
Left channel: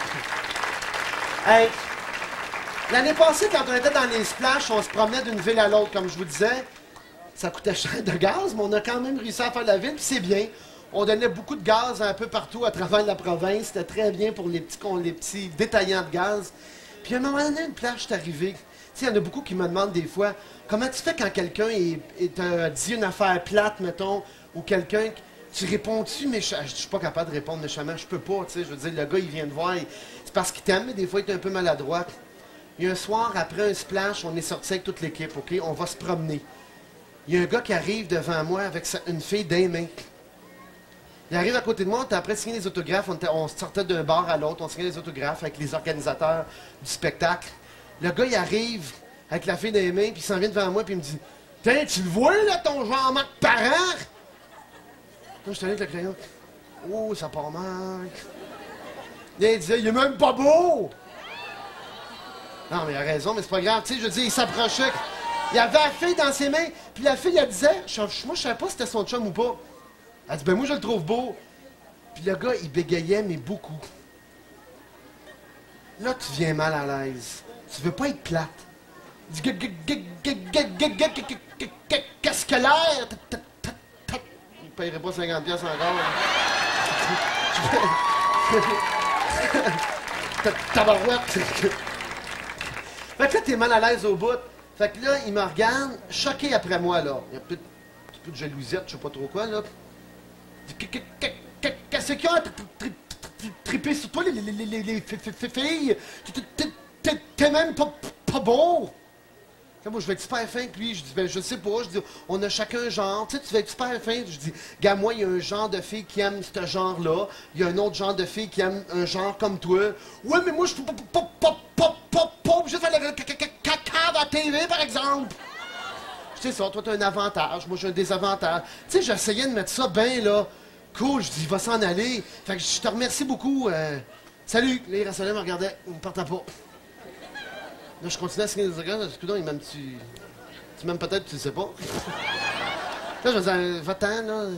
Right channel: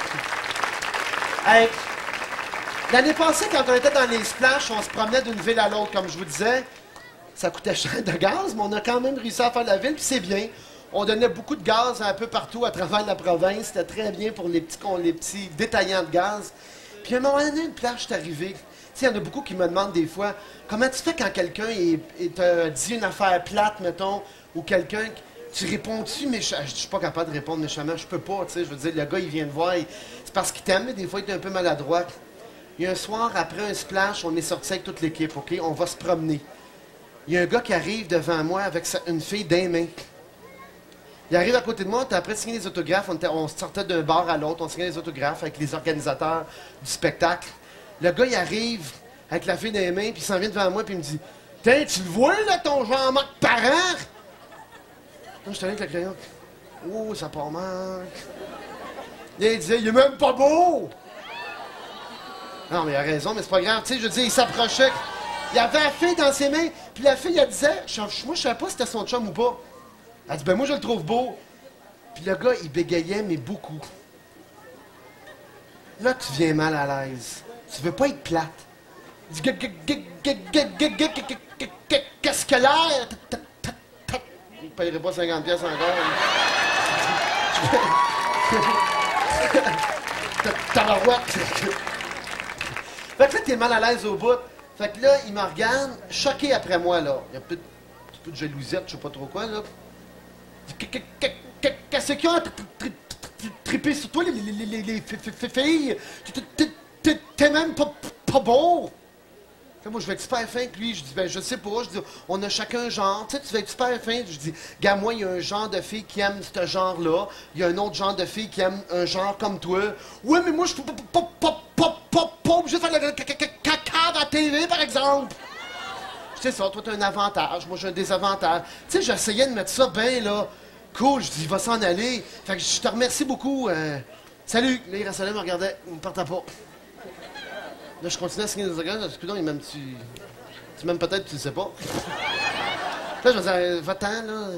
Hey, l'année passée, quand on était dans les splashs, on se promenait d'une ville à l'autre, comme je vous disais. Ça coûtait cher de gaz, mais on a quand même réussi à faire la ville, puis c'est bien. On donnait beaucoup de gaz un peu partout à travers la province. C'était très bien pour les petits détaillants de gaz. Puis à un moment donné, une plage est arrivée. Tu sais, il y en a beaucoup qui me demandent des fois, comment tu fais quand quelqu'un te dit une affaire plate, mettons, ou quelqu'un... Tu réponds-tu, mais je suis pas capable de répondre méchamment. Je peux pas, tu sais. Je veux dire, le gars, il vient te voir. C'est parce qu'il t'aime, mais des fois, il est un peu maladroit. Il y a un soir, après un splash, on est sorti avec toute l'équipe, OK? On va se promener. Il y a un gars qui arrive devant moi avec une fille d'un main. Il arrive à côté de moi, on était après de signer les autographes. On sortait d'un bar à l'autre, on signait les autographes avec les organisateurs du spectacle. Le gars, il arrive avec la fille d'un main, puis il s'en vient devant moi, puis il me dit « Tiens, tu le vois, là, ton Jean-Marc Parent? » Là, je suis allé avec le crayon. « Oh, ça part mal. » Il disait « Il est même pas beau! » Non, mais il a raison, mais c'est pas grave. Tu sais, je veux dire, il s'approchait. Il avait la fille dans ses mains, puis la fille, elle disait, moi, je savais pas si c'était son chum ou pas. Elle dit, ben moi, je le trouve beau. Puis le gars, il bégayait, mais beaucoup. Là, tu viens mal à l'aise. Tu veux pas être plate. Il dit, qu'est-ce que l'air? Il ne paierait pas 50$ encore. Tabarouette. Fait que là, t'es mal à l'aise au bout. Fait que là, il me regarde, choqué après moi, là. Il y a peut-être un petit peu de jalousiette, je sais pas trop quoi, là. Qu'est-ce qu'ils ont trippé sur toi, les filles? T'es même pas beau! Là, moi, je vais être super fin avec lui. Je dis, ben, je sais pas. Je dis, on a chacun un genre. Tu sais, tu vas être super fin. Je dis, gars, moi, il y a un genre de fille qui aime ce genre-là. Il y a un autre genre de fille qui aime un genre comme toi. Ouais, mais moi, je suis pas TV, par exemple. C'est ça, toi, t'as un avantage, moi, j'ai un désavantage. Tu sais, j'essayais de mettre ça bien, là. Cool, je dis, il va s'en aller. Fait que je te remercie beaucoup. Salut. Là, il restait là, il me regardait. Il me partait pas. Là, je continuais à signer des autographes. Excuse-moi, il m'aime, tu m'aimes peut-être, tu le sais pas. Là, je me disais, va-t'en, là.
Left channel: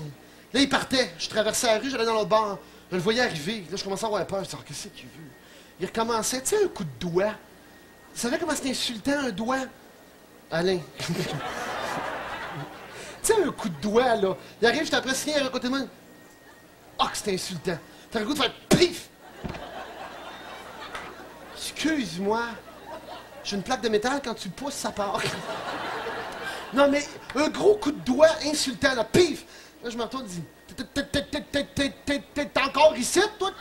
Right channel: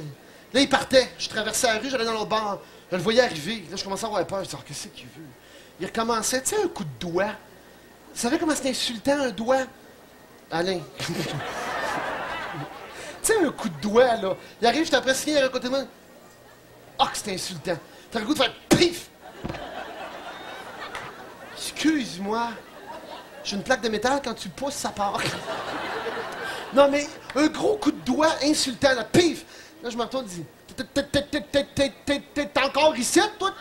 Là, il partait. Je traversais la rue, j'allais dans l'autre bar. Je le voyais arriver. Là, je commençais à avoir peur. Je disais, qu'est-ce qu'il veut? Il recommençait, tu sais, un coup de doigt. Vous savez comment c'est insultant, un doigt? Alain. Tu sais, un coup de doigt, là. Il arrive, j'étais après signé à côté de moi. Ah, que c'est insultant. T'as le goût de faire pif! Excuse-moi. J'ai une plaque de métal, quand tu pousses, ça part. Non, mais un gros coup de doigt insultant, là, pif! Là, je me retourne et dis, t'es encore ici, toi?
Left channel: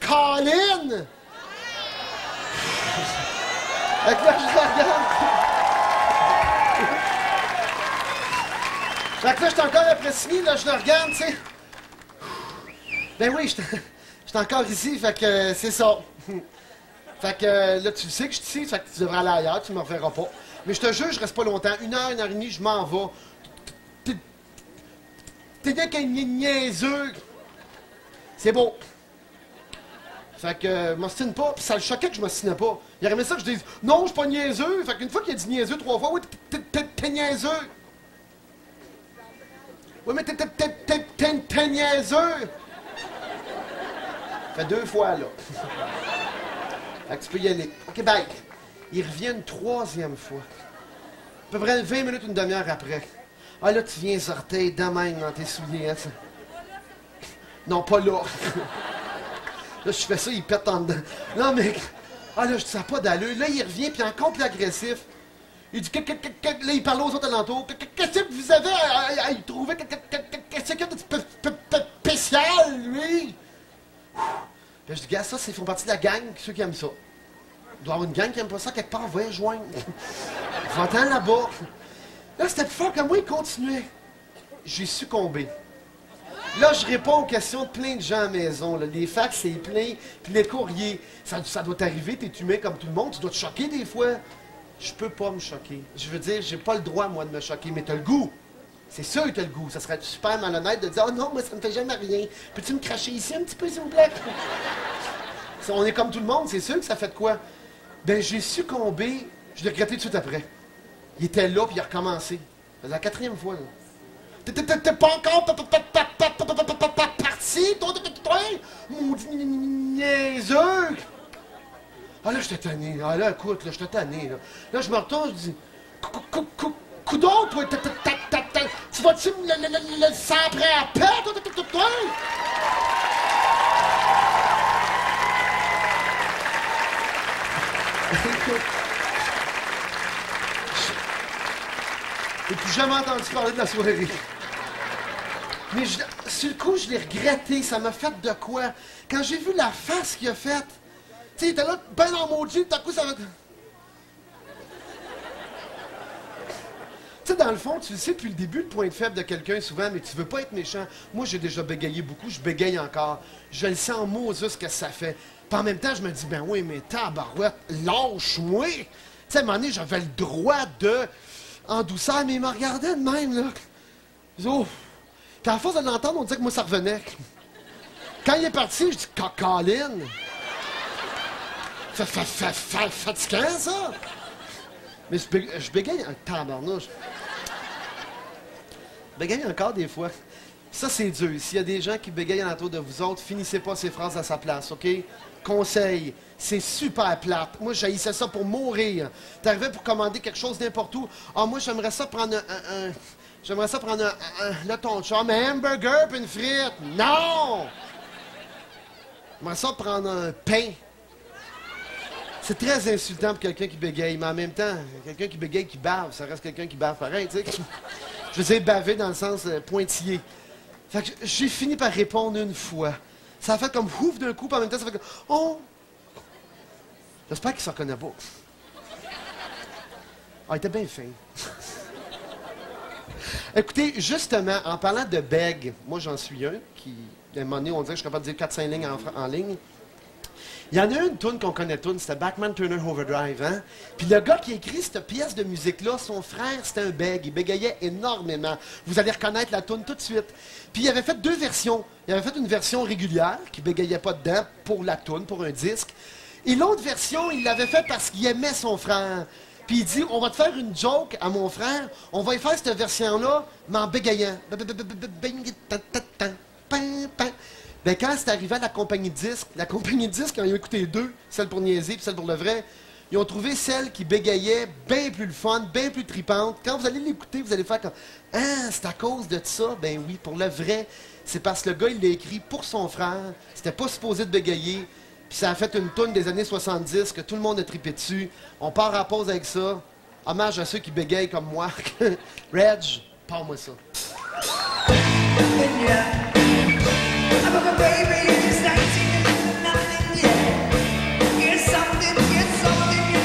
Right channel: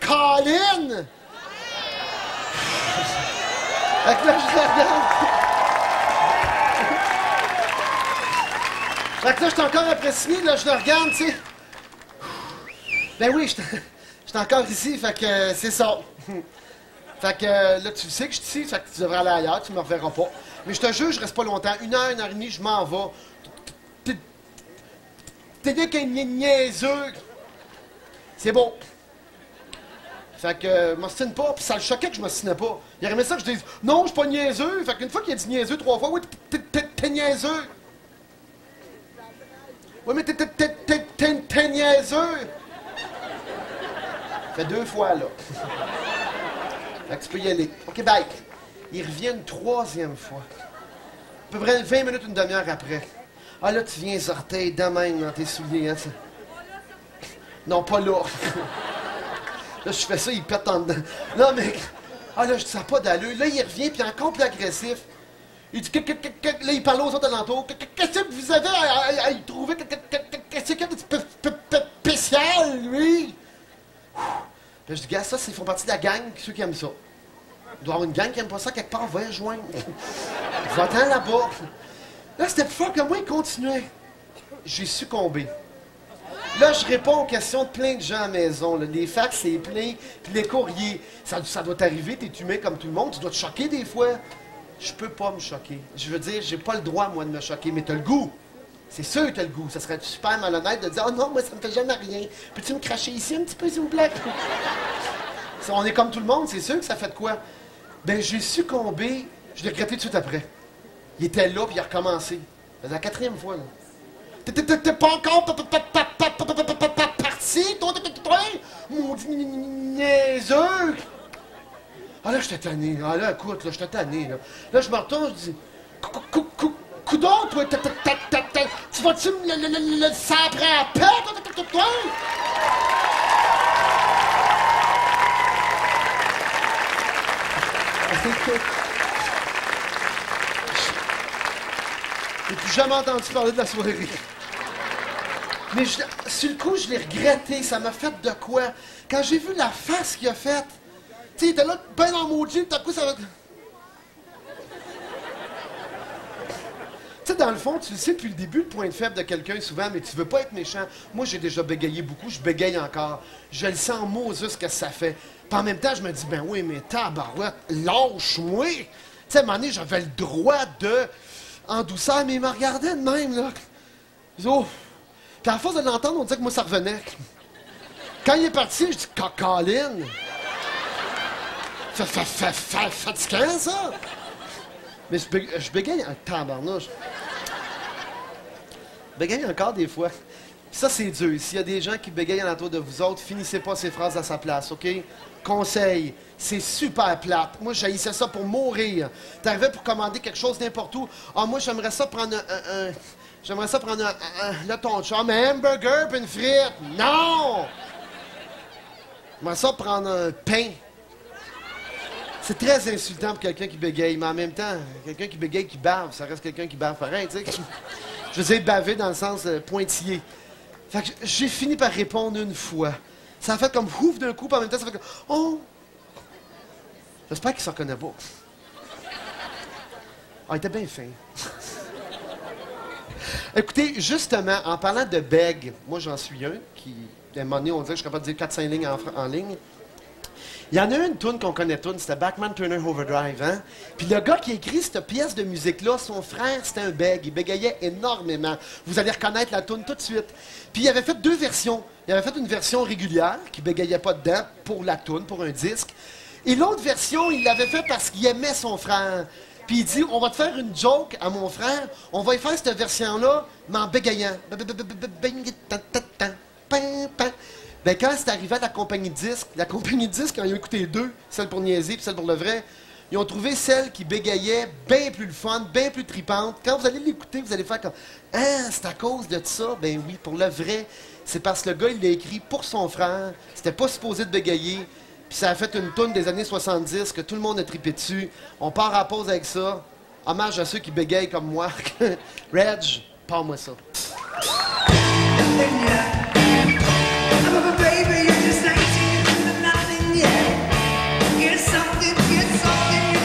Colin! Fait que là, je le regarde. Fait que là, j'étais encore après signé, là, je le regarde, tu sais. Ben oui, j'étais encore ici, fait que c'est ça. Fait que là, tu le sais que je suis ici, fait que tu devrais aller ailleurs, tu me reverras pas. Mais je te jure, je reste pas longtemps. 1 heure et demie, je m'en vais. T'es bien qu'un niaiseux. C'est beau. Fait que, je m'ostine pas, puis ça le choquait que je m'ostinais pas. Il aurait aimé ça que je dise, non, je suis pas niaiseux. Fait qu'une fois qu'il a dit niaiseux 3 fois, oui, t'es niaiseux. Oui, mais t'es niaiseux. Fait 2 fois, là. Fait que tu peux y aller. OK, bye. Il revient une 3e fois. À peu près 20 minutes, une demi-heure après. Ah, là, tu viens sortir de même dans tes souliers, hein, ça. Non, pas là. Là, je fais ça, il pète en dedans. Non, mais... Ah, là, je dis, ça n'a pas d'allure. Là, il revient, puis encore plus agressif. Il dit... Là, il parle aux autres alentours. Qu'est-ce que vous avez à y trouver? Qu'est-ce qu'il y a de spécial, lui? Puis je dis, gars, ça, ils font partie de la gang, ceux qui aiment ça. Il doit y avoir une gang qui aime pas ça, quelque part, va y rejoindre. Va-t'en là-bas. Là, c'était plus fort que moi, il continuait. J'ai succombé. Là, je réponds aux questions de plein de gens à la maison. Là. Les fax, c'est plein. Puis les courriers, ça doit t'arriver, t'es humain comme tout le monde. Tu dois te choquer des fois. Je peux pas me choquer. Je veux dire, j'ai pas le droit, moi, de me choquer, mais t'as le goût. C'est sûr que t'as le goût. Ça serait super malhonnête de dire « Oh non, moi, ça me fait jamais rien. Peux-tu me cracher ici un petit peu, s'il vous plaît? » On est comme tout le monde, c'est sûr que ça fait de quoi? Ben, j'ai succombé. Je l'ai regretté tout de suite après. Il était là, puis il a recommencé. Ça faisait la 4e fois, là. T'es pas encore parti, toi, maudit niaiseux! Ah là, j'étais tanné. Ah là, écoute, là, j'étais tanné, là. Là, je me retourne, je dis... Coudon, toi, tu vas-tu me le saprer à paix, toi? Écoute... J'ai plus jamais entendu parler de la soirée. Mais sur le coup, je l'ai regretté. Ça m'a fait de quoi? Quand j'ai vu la face qu'il a faite, tu sais, il était là, ben dans maudit, tout à coup, ça va... Tu sais, dans le fond, tu le sais depuis le début, le point de faible de quelqu'un, souvent, mais tu veux pas être méchant. Moi, j'ai déjà bégayé beaucoup, je bégaye encore. Je le sens en Moses ce que ça fait. Puis en même temps, je me dis, ben oui, mais tabarouette, lâche-moi! Tu sais, à un moment donné, j'avais le droit de... en douceur, mais il me regardait de même, là. Oh. Puis à force de l'entendre, on disait que moi, ça revenait. Quand il est parti, je dis, Colin! Fatigant, ça! Mais je bégaye un tabarnouche. Je bégaye encore des fois. Ça, c'est dur. S'il y a des gens qui bégayent alentour de vous autres, finissez pas ces phrases à sa place, OK? Conseil, c'est super plate. Moi, j'haïssais ça pour mourir. T'arrivais pour commander quelque chose n'importe où. Ah, moi, j'aimerais ça prendre j'aimerais ça prendre là, ton chum, un hamburger puis une frite. Non! J'aimerais ça prendre un pain. C'est très insultant pour quelqu'un qui bégaye, mais en même temps, quelqu'un qui bégaye, qui bave, ça reste quelqu'un qui bave pareil, tu sais. Je veux dire baver dans le sens pointillé. Fait que j'ai fini par répondre une fois. Ça a fait comme ouf d'un coup, puis en même temps, ça fait comme oh! J'espère qu'il ne se reconnaît pas. Ah, il était bien fin. Écoutez, justement, en parlant de bègue, moi j'en suis un qui, à un moment donné, on dirait que je suis capable de dire 4-5 lignes en ligne. Il y en a une toune qu'on connaît tous, c'était Bachman Turner Overdrive, hein? Puis le gars qui a écrit cette pièce de musique-là, son frère, c'était un bègue. Il bégayait énormément. Vous allez reconnaître la toune tout de suite. Puis il avait fait 2 versions. Il avait fait une version régulière, qui bégayait pas dedans, pour la toune, pour un disque. Et l'autre version, il l'avait fait parce qu'il aimait son frère. Puis il dit, on va te faire une joke à mon frère, on va y faire cette version-là, mais en bégayant. Ben, quand c'est arrivé à la compagnie de disques, quand ils ont écouté 2, celle pour niaiser et celle pour le vrai, ils ont trouvé celle qui bégayait bien plus le fun, bien plus tripante. Quand vous allez l'écouter, vous allez faire comme « Ah, c'est à cause de ça? » Ben oui, pour le vrai, c'est parce que le gars, il l'a écrit pour son frère. C'était pas supposé de bégayer. Puis ça a fait une toune des années 70 que tout le monde a trippé dessus. On part à la pause avec ça. Hommage à ceux qui bégayent comme moi. Reg, parle-moi ça. Baby, you just ain't seen nothing yet. It's something you're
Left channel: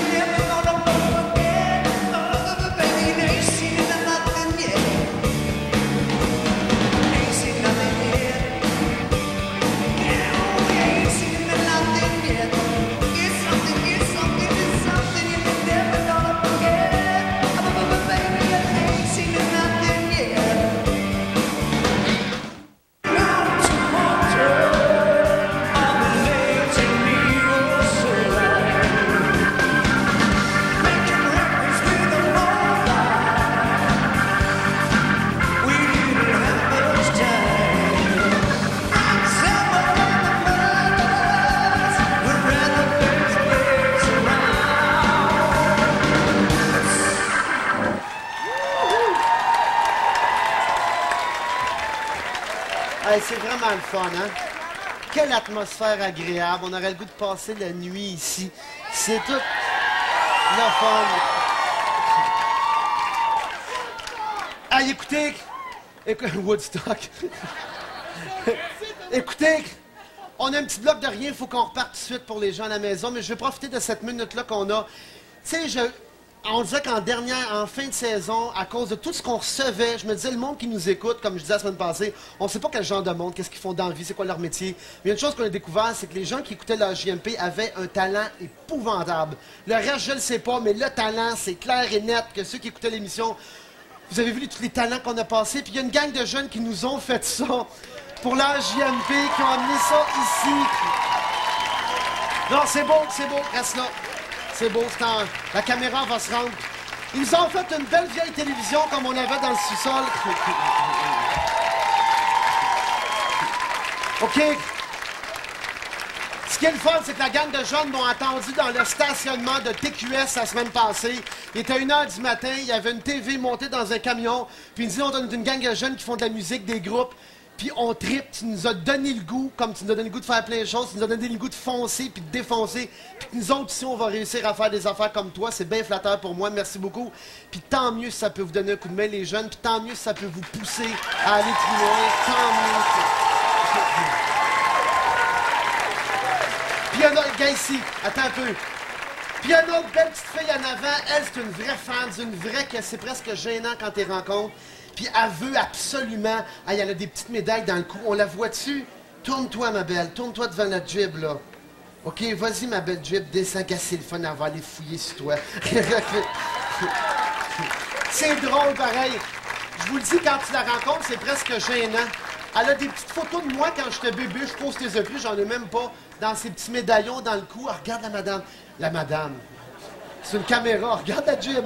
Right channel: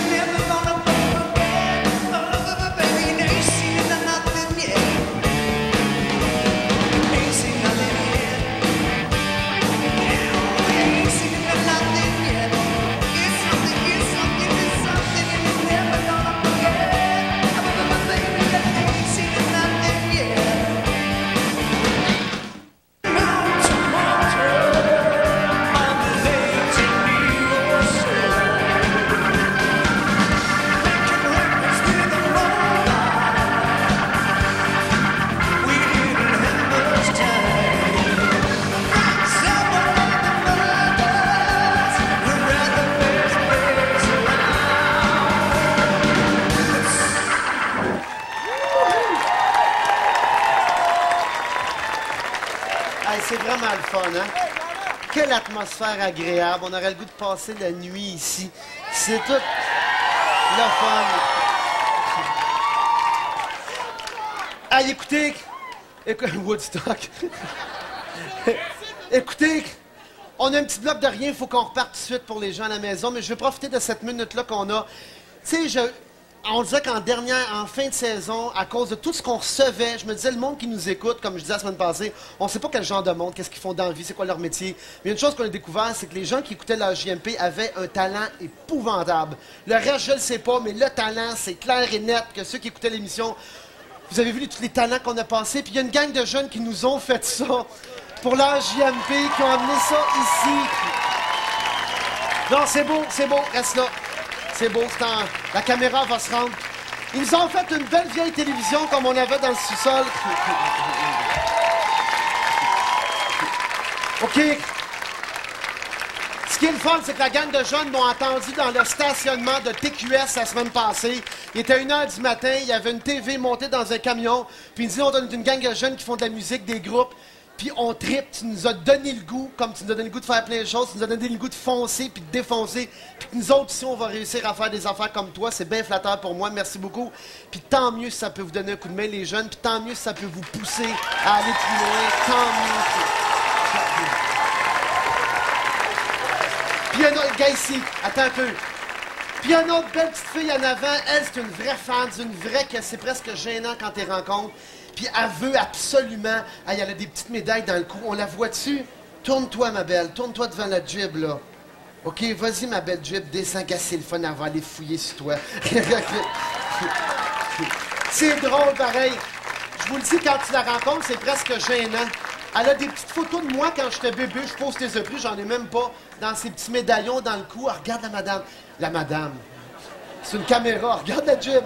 never gonna forget. Oh, baby, you ain't seen nothing yet. Ain't seen nothing yet. No, you ain't seen nothing yet. It's something you're never gonna forget. Oh, baby, you ain't seen nothing yet. Mount to Montreux on the Lake Geneva shoreline, making records with a mobile. We didn't have much time. Frank Zappa and the Mothers were at the best place around. But Hey, c'est vraiment le fun, hein? Quelle atmosphère agréable. On aurait le goût de passer la nuit ici. C'est tout le fun. Hey, écoutez... Woodstock. Écoutez, on a un petit bloc de rien. Il faut qu'on reparte tout de suite pour les gens à la maison. Mais je vais profiter de cette minute-là qu'on a. Tu sais, on disait en fin de saison, à cause de tout ce qu'on recevait, je me disais, le monde qui nous écoute, comme je disais la semaine passée, on ne sait pas quel genre de monde, qu'est-ce qu'ils font dans la vie, c'est quoi leur métier. Mais une chose qu'on a découvert, c'est que les gens qui écoutaient la JMP avaient un talent épouvantable. Le reste, je ne le sais pas, mais le talent, c'est clair et net que ceux qui écoutaient l'émission, vous avez vu tous les talents qu'on a passés. Puis il y a une gang de jeunes qui nous ont fait ça pour la JMP, qui ont amené ça ici. Non, c'est beau, reste là. C'est beau, la caméra va se rendre. Ils nous ont fait une belle vieille télévision comme on avait dans le sous-sol. OK. Ce qui est le fun, c'est que la gang de jeunes m'ont attendu dans le stationnement de TQS la semaine passée. Il était 1h du matin, il y avait une TV montée dans un camion. Puis ils me disaient, on est une gang de jeunes qui font de la musique, des groupes. Puis on tripe, tu nous as donné le goût, comme tu nous as donné le goût de faire plein de choses, tu nous as donné le goût de foncer puis de défoncer. Puis que nous autres, ici, on va réussir à faire des affaires comme toi. C'est bien flatteur pour moi, merci beaucoup. Puis tant mieux si ça peut vous donner un coup de main, les jeunes, puis tant mieux si ça peut vous pousser à aller plus loin, tant mieux. Puis il y en a, gars ici, attends un peu. Puis il y a une autre belle petite fille en avant, elle, c'est une vraie fan, une vraie que c'est presque gênant quand tu les rencontres. Puis elle veut absolument... elle a des petites médailles dans le cou. On la voit-tu? Tourne-toi, ma belle. Tourne-toi devant la jib, là. OK, vas-y, ma belle jib. Descends, c'est le fun. Elle va aller fouiller sur toi. C'est drôle, pareil. Je vous le dis, quand tu la rencontres, c'est presque gênant. Elle a des petites photos de moi quand j'étais bébé. Je pose tes prix, j'en ai même pas. Dans ces petits médaillons dans le cou. Regarde la madame. La madame. C'est une caméra. Regarde la jib.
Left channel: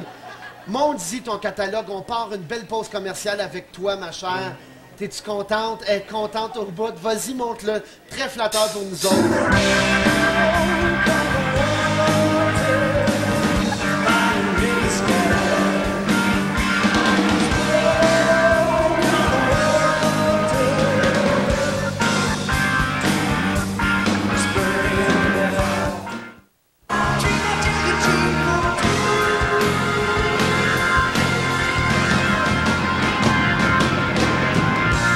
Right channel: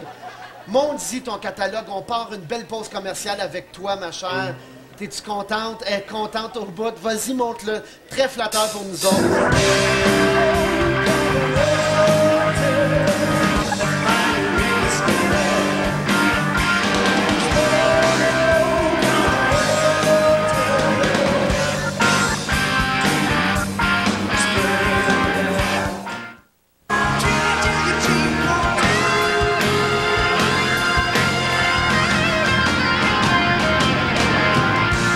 Monte-y ton catalogue, on part une belle pause commerciale avec toi, ma chère. T'es-tu contente? Elle est contente au bout. Vas-y, monte-le. Très flatteur pour nous autres.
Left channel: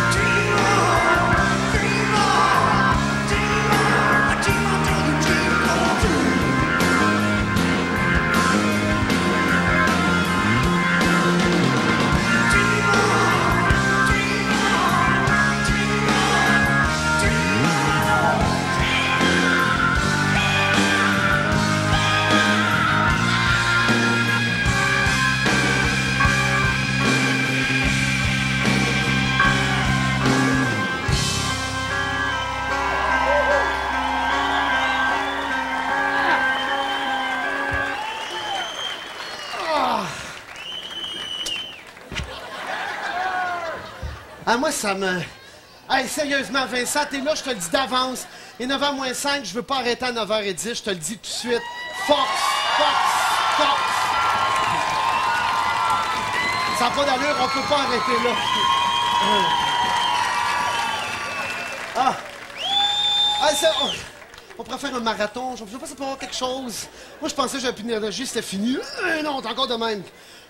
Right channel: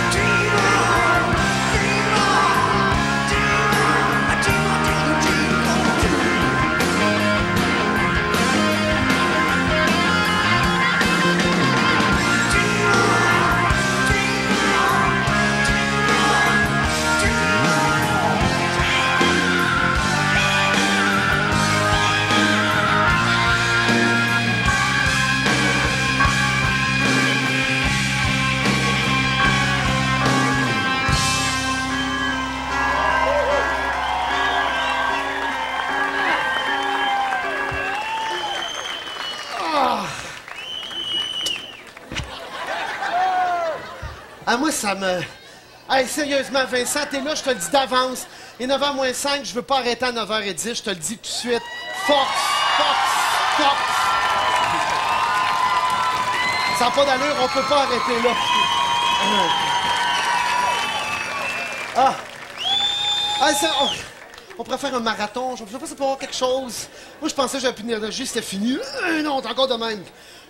Dream on, moi, ça me... Hey, sérieusement, Vincent, t'es là, je te le dis d'avance. Et 9h moins 5, je veux pas arrêter à 9h10, je te le dis tout de suite. Force, force, force. Ça n'a pas d'allure, on peut pas arrêter là. Ah! Ah, ça, on pourrait faire un marathon, je sais pas si ça peut avoir quelque chose. Moi, je pensais que j'avais plus d'énergie, c'était fini. Non, t'es encore de même.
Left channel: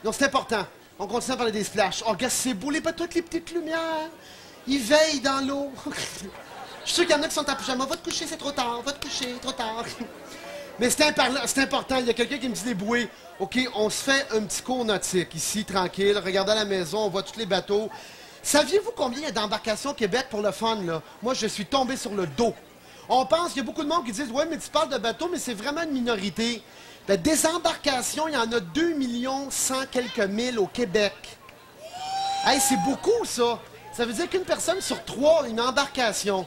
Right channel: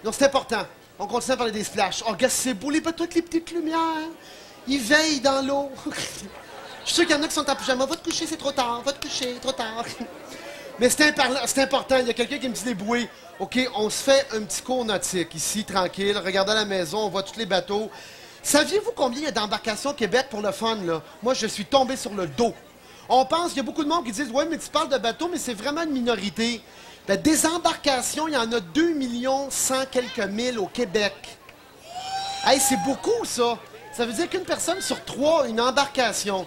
Donc, c'est important. On continue à parler des splashs. Oh, regarde, c'est beau, toutes les petites lumières. Ils veillent dans l'eau. Je suis sûr qu'il y en a qui sont en pyjama. Va te coucher, c'est trop tard. Va te coucher, trop tard. Mais c'est important. Il y a quelqu'un qui me dit les bouées. OK, on se fait un petit cours nautique ici, tranquille. Regardez à la maison, on voit tous les bateaux. Saviez-vous combien il y a d'embarcations au Québec pour le fun, là? Moi, je suis tombé sur le dos. On pense qu'il y a beaucoup de monde qui disent « Ouais, mais tu parles de bateaux, mais c'est vraiment une minorité. » Des embarcations, il y en a 2 100 quelques mille au Québec. Hey, c'est beaucoup, ça. Ça veut dire qu'une personne sur 3 a une embarcation.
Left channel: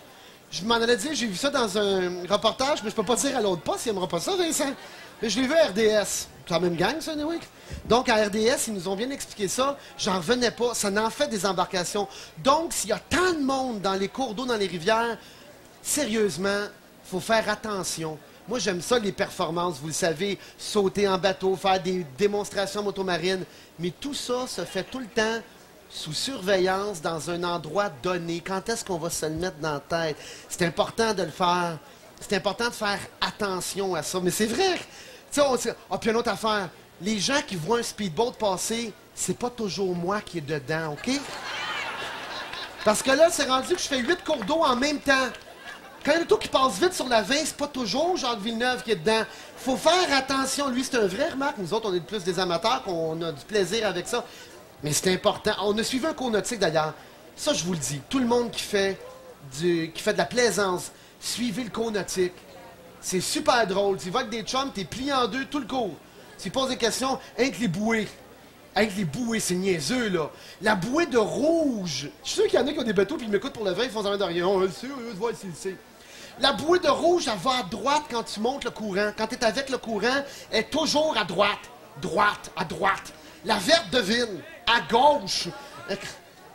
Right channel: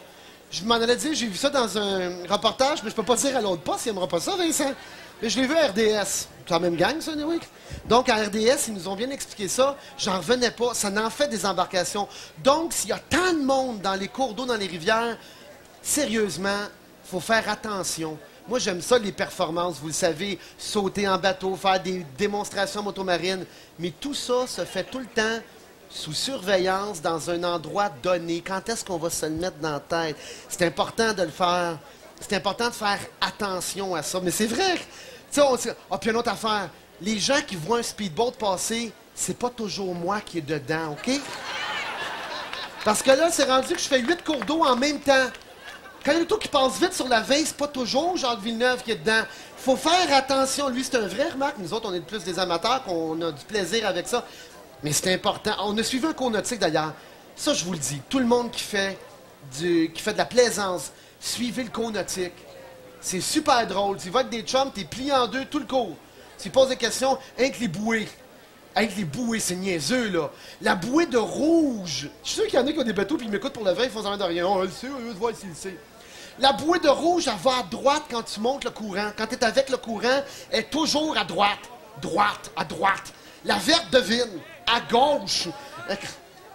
Je m'en allais dire, j'ai vu ça dans un reportage, mais je peux pas dire à l'autre poste, il n'aimera pas ça, Vincent. Mais je l'ai vu à RDS. C'est la même gang, ça, anyway. Donc, à RDS, ils nous ont bien expliqué ça. J'en revenais pas. Ça en fait des embarcations. Donc, s'il y a tant de monde dans les cours d'eau, dans les rivières, sérieusement, il faut faire attention. Moi, j'aime ça, les performances, vous le savez, sauter en bateau, faire des démonstrations motomarines. Mais tout ça se fait tout le temps sous surveillance, dans un endroit donné. Quand est-ce qu'on va se le mettre dans la tête? C'est important de le faire. C'est important de faire attention à ça. Mais c'est vrai. Tu sais, puis une autre affaire. Les gens qui voient un speedboat passer, c'est pas toujours moi qui est dedans, OK? Parce que là, c'est rendu que je fais 8 cours d'eau en même temps. Quand il y a un auto qui passe vite sur la 20, c'est pas toujours Jacques Villeneuve qui est dedans. Faut faire attention. Lui, c'est un vrai remarque. Nous autres, on est plus des amateurs, qu'on a du plaisir avec ça. Mais c'est important. On a suivi un cours nautique, d'ailleurs. Ça, je vous le dis. Tout le monde qui fait de la plaisance, suivez le cours nautique. C'est super drôle. Tu vas avec des chums, t'es plié en deux tout le cours. Tu poses des questions, avec les bouées. Avec les bouées, c'est niaiseux, là. La bouée de rouge. Je suis sûr qu'il y en a qui ont des bateaux puis ils m'écoutent pour le vin, ils font ça de rien. On le sait, on va essayer, le sait. La bouée de rouge, elle va à droite quand tu montes le courant. Quand tu es avec le courant, elle est toujours à droite. Droite, à droite. La verte devine, à gauche.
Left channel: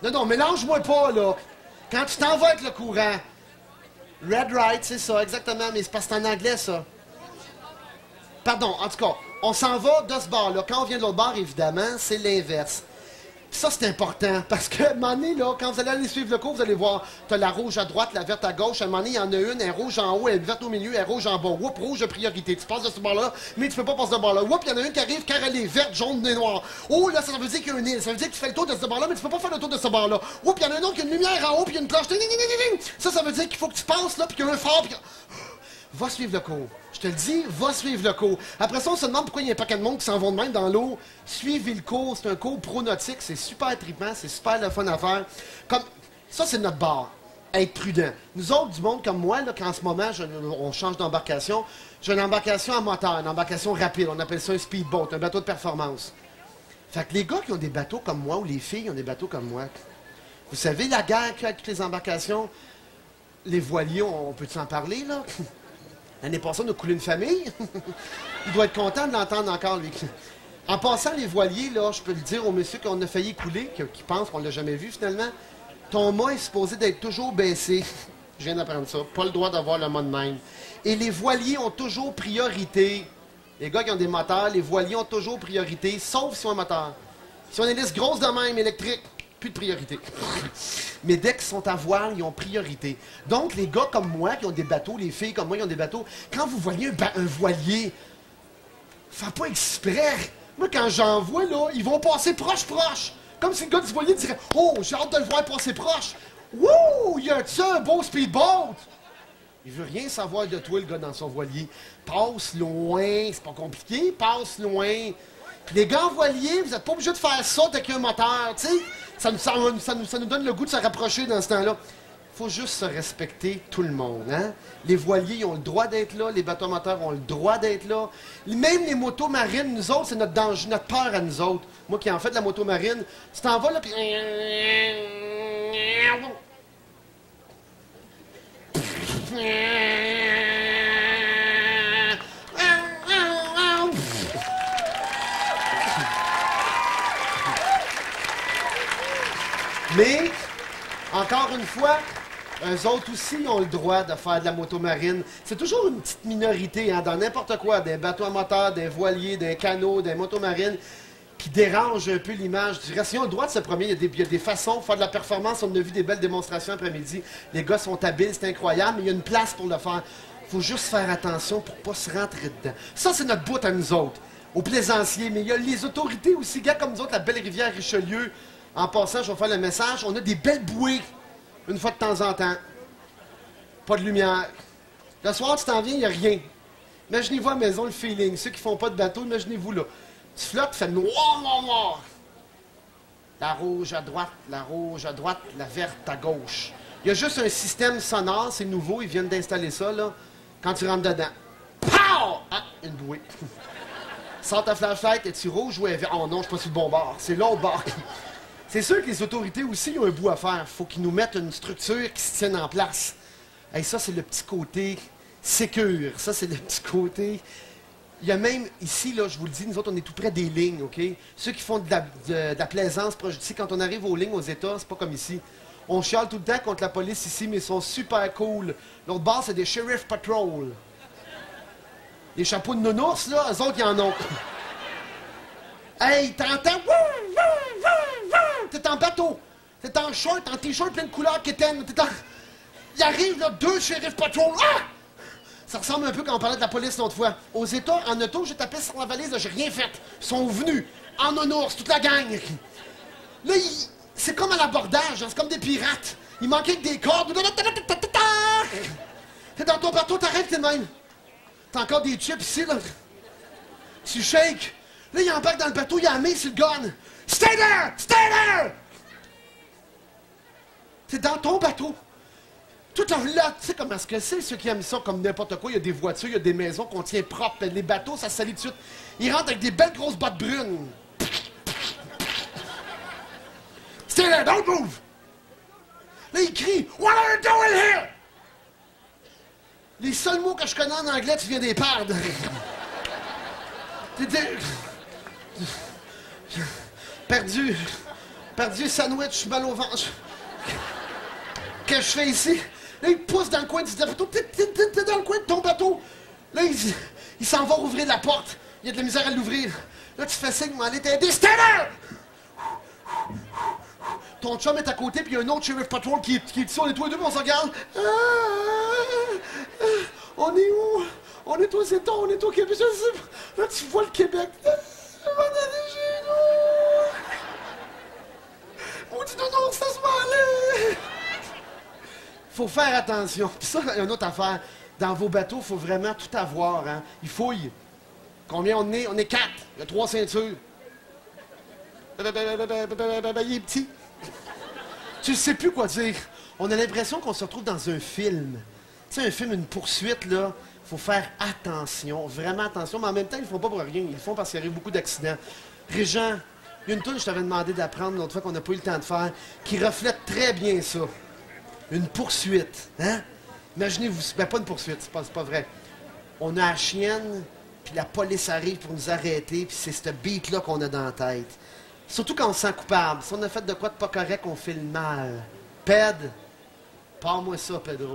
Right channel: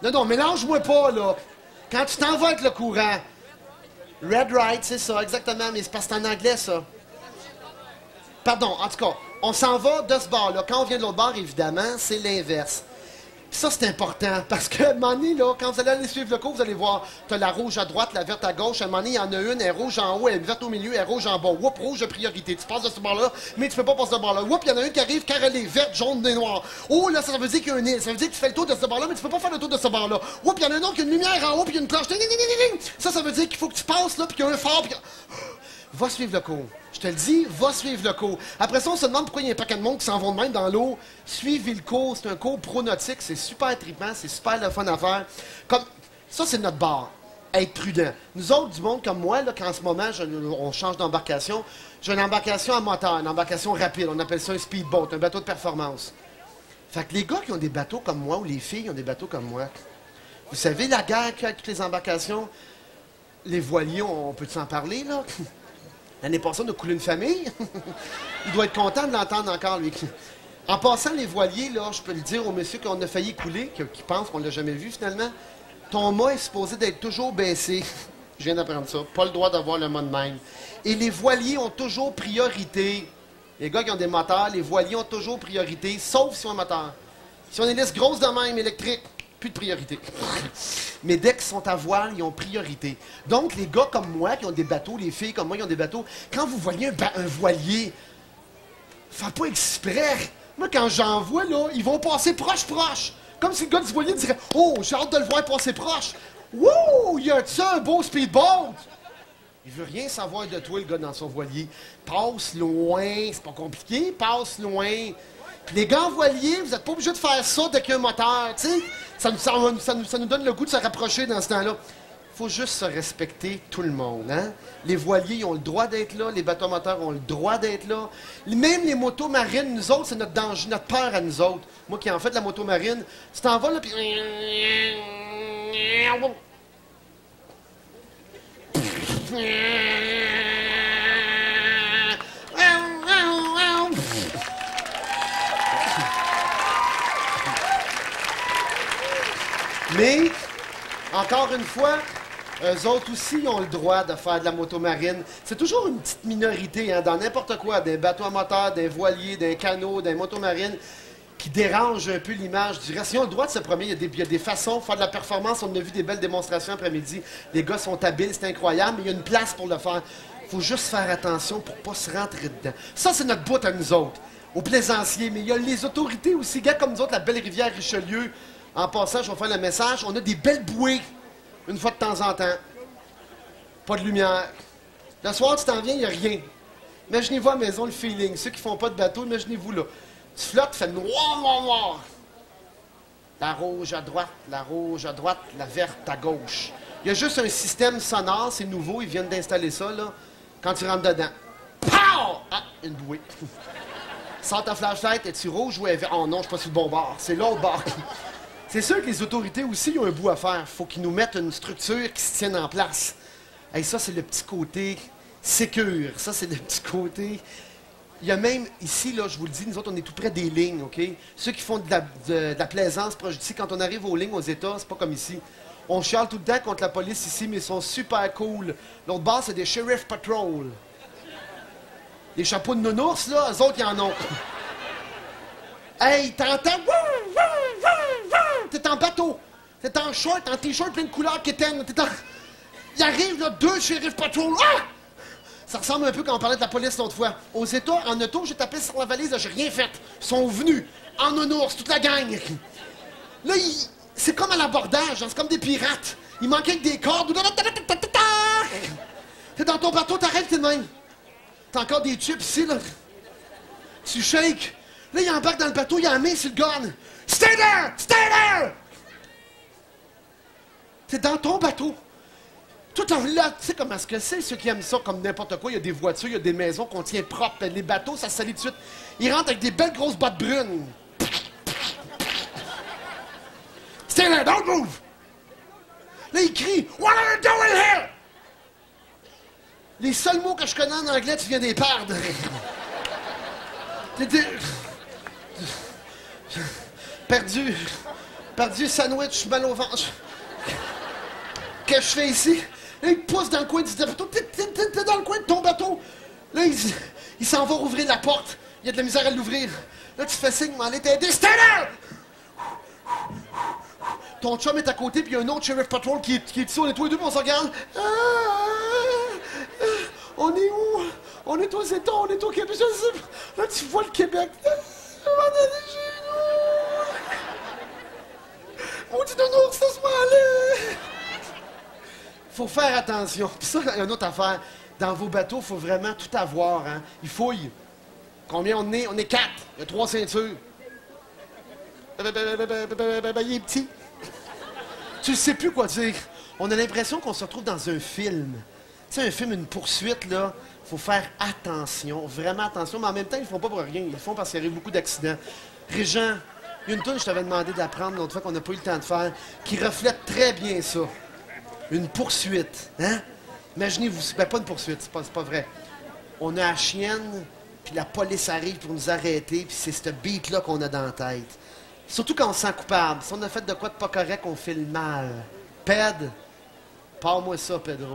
Non, mélange-moi pas, là. Quand tu t'en vas avec le courant. Red right, c'est ça, exactement, mais c'est parce que c'est en anglais, ça. Pardon, en tout cas, on s'en va de ce bord-là. Quand on vient de l'autre bord, évidemment, c'est l'inverse. Ça, c'est important, parce que, à un moment donné, là, quand vous allez aller suivre le cours, vous allez voir, tu as la rouge à droite, la verte à gauche. À un moment donné, il y en a une, elle est rouge en haut, elle est verte au milieu, elle est rouge en bas. Oups, rouge de priorité. Tu passes de ce bord-là, mais tu peux pas passer de ce bord-là. Oups, il y en a une qui arrive, car elle est verte, jaune et noire. Oh, là, ça veut dire qu'il y a une île. Ça veut dire que tu fais le tour de ce bord-là, mais tu peux pas faire le tour de ce bord-là. Oups, il y en a un autre qui a une lumière en haut, puis il y a une cloche. Ça veut dire qu'il faut que tu passes là, puis qu'il y a un phare, puis va suivre le cours. Je te le dis, va suivre le cours. Après ça, on se demande pourquoi il y a un paquet de monde qui s'en vont de même dans l'eau. Suivez le cours. C'est un cours pro-nautique. C'est super trippant. C'est super le fun à faire. Comme, ça, c'est notre barre. Être prudent. Nous autres, du monde comme moi, là, qu'en ce moment, on change d'embarcation, j'ai une embarcation à moteur, une embarcation rapide. On appelle ça un speedboat, un bateau de performance. Fait que les gars qui ont des bateaux comme moi, ou les filles qui ont des bateaux comme moi, vous savez, la guerre qu'il y a avec toutes les embarcations, les voiliers, on peut s'en parler, là? L'année passée, on a coulé une famille. Il doit être content de l'entendre encore, lui. En passant les voiliers, là, je peux le dire au monsieur qu'on a failli couler, qui pense qu'on ne l'a jamais vu finalement, ton mât est supposé d'être toujours baissé. Je viens d'apprendre ça. Pas le droit d'avoir le mât de même. Et les voiliers ont toujours priorité. Les gars qui ont des moteurs, les voiliers ont toujours priorité, sauf si on a un moteur. Si on est liste grosse de même, électrique, plus de priorité. Mais dès qu'ils sont à voile, ils ont priorité. Donc, les gars comme moi qui ont des bateaux, les filles comme moi qui ont des bateaux, quand vous voyez un voilier, faites pas exprès. Moi, quand j'en vois, là, ils vont passer proche. Comme si le gars du voilier dirait « Oh, j'ai hâte de le voir passer proche. Wouh, il y a ça, un beau speedboat. » Il veut rien savoir de toi, le gars, dans son voilier. Passe loin, c'est pas compliqué, passe loin. Puis les gars en voilier, vous n'êtes pas obligés de faire ça avec un moteur, tu sais. Ça nous donne le goût de se rapprocher dans ce temps-là. Il faut juste se respecter tout le monde, hein? Les voiliers, ils ont le droit d'être là, les bateaux moteurs ont le droit d'être là. Même les motos marines, nous autres, c'est notre danger, notre peur à nous autres. Moi qui en fais de la moto marine, tu t'en vas là, puis... Mais Encore une fois, eux autres aussi ont le droit de faire de la motomarine. C'est toujours une petite minorité, hein, dans n'importe quoi, d'un bateau à moteur, d'un voilier, d'un canot, d'un motomarine, qui dérange un peu l'image du reste. Ils ont le droit de se promener. Il y a des façons de faire de la performance. On a vu des belles démonstrations après-midi. Les gars sont habiles, c'est incroyable, mais il y a une place pour le faire. Il faut juste faire attention pour ne pas se rentrer dedans. Ça, c'est notre bout à nous autres, aux plaisanciers. Mais il y a les autorités aussi, gars comme nous autres, la belle rivière Richelieu. En passant, je vais faire le message. On a des belles bouées, une fois de temps en temps. Pas de lumière. Le soir, tu t'en viens, il n'y a rien. Imaginez-vous à la maison le feeling. Ceux qui font pas de bateau, imaginez-vous là. Tu flottes, tu fais noir, noir, noir. La rouge à droite, la verte à gauche. Il y a juste un système sonore, c'est nouveau, ils viennent d'installer ça, là. Quand tu rentres dedans. Pow! Ah, une bouée. Sors ta flashlight, es-tu rouge ou vert? Oh non, je suis pas sur le bon bord. C'est l'autre bord. C'est sûr que les autorités aussi ont un bout à faire. Faut qu'ils nous mettent une structure qui se tienne en place. Et ça, c'est le petit côté sécure. Ça, c'est le petit côté... Il y a même, ici, là, je vous le dis, nous autres, on est tout près des lignes, OK? Ceux qui font de la plaisance proche d'ici, quand on arrive aux lignes aux États, c'est pas comme ici. On chiale tout le temps contre la police ici, mais ils sont super cool. L'autre bord, c'est des Sheriff Patrol. Les chapeaux de nounours, là, eux autres, ils en ont. Hey, t'entends? T'es en bateau. T'es en short, en t-shirt plein de couleurs quétaines. Il arrive, là, 2 Sheriff Patrol. Ah! Ça ressemble un peu quand on parlait de la police l'autre fois. Aux États, en auto, j'ai tapé sur la valise, j'ai rien fait. Ils sont venus, en nounours, toute la gang. Là, c'est comme à l'abordage, hein, c'est comme des pirates. Il manquait que des cordes. T'es dans ton bateau, t'arrêtes, t'es de même. T'as encore des chips ici, là. Tu shakes. Là, il embarque dans le bateau, il a mis sur le gun. Stay there! Stay there! T'es dans ton bateau. Tout en là, tu sais comment est-ce que c'est, ceux qui aiment ça comme n'importe quoi. Il y a des voitures, il y a des maisons qu'on tient propres. Les bateaux, ça se salit tout de suite. Ils rentrent avec des belles grosses bottes brunes. Stay there, don't move! Là, ils crient, What are you doing here? Les seuls mots que je connais en anglais, tu viens des perdre. Perdu sandwich, mal au ventre. Qu'est-ce que je fais ici? Là, il te pousse dans le coin du bateau. T'es dans le coin de ton bateau. Là, il s'en va rouvrir la porte. Il y a de la misère à l'ouvrir. Là, tu fais signe, m'aller t'aider. Stay there! Ton chum est à côté, puis il y a un autre Sheriff Patrol qui est ici. On est tous les deux, puis on se regarde. On est où? On est aux États, on est au Québec. Là, tu vois le Québec. On est chez nous. On dit non, ça se va aller. Faut faire attention. Puis ça, il y a une autre affaire. Dans vos bateaux, il faut vraiment tout avoir. Hein? Ils fouillent. Combien on est? On est 4. Il y a 3 ceintures. Il est petit. Tu ne sais plus quoi dire. On a l'impression qu'on se retrouve dans un film. Tu sais, un film, une poursuite, là, il faut faire attention, vraiment attention. Mais en même temps, ils ne le font pas pour rien. Ils le font parce qu'il arrive beaucoup d'accidents. Régent, il y a une toune que je t'avais demandé d'apprendre l'autre fois qu'on n'a pas eu le temps de faire, qui reflète très bien ça. Une poursuite, hein? Imaginez-vous, ben pas une poursuite, c'est pas vrai. On a la chienne, puis la police arrive pour nous arrêter, puis c'est ce beat-là qu'on a dans la tête. Surtout quand on se sent coupable. Si on a fait de quoi de pas correct, on fait le mal. Ped, parle-moi ça, Pedro.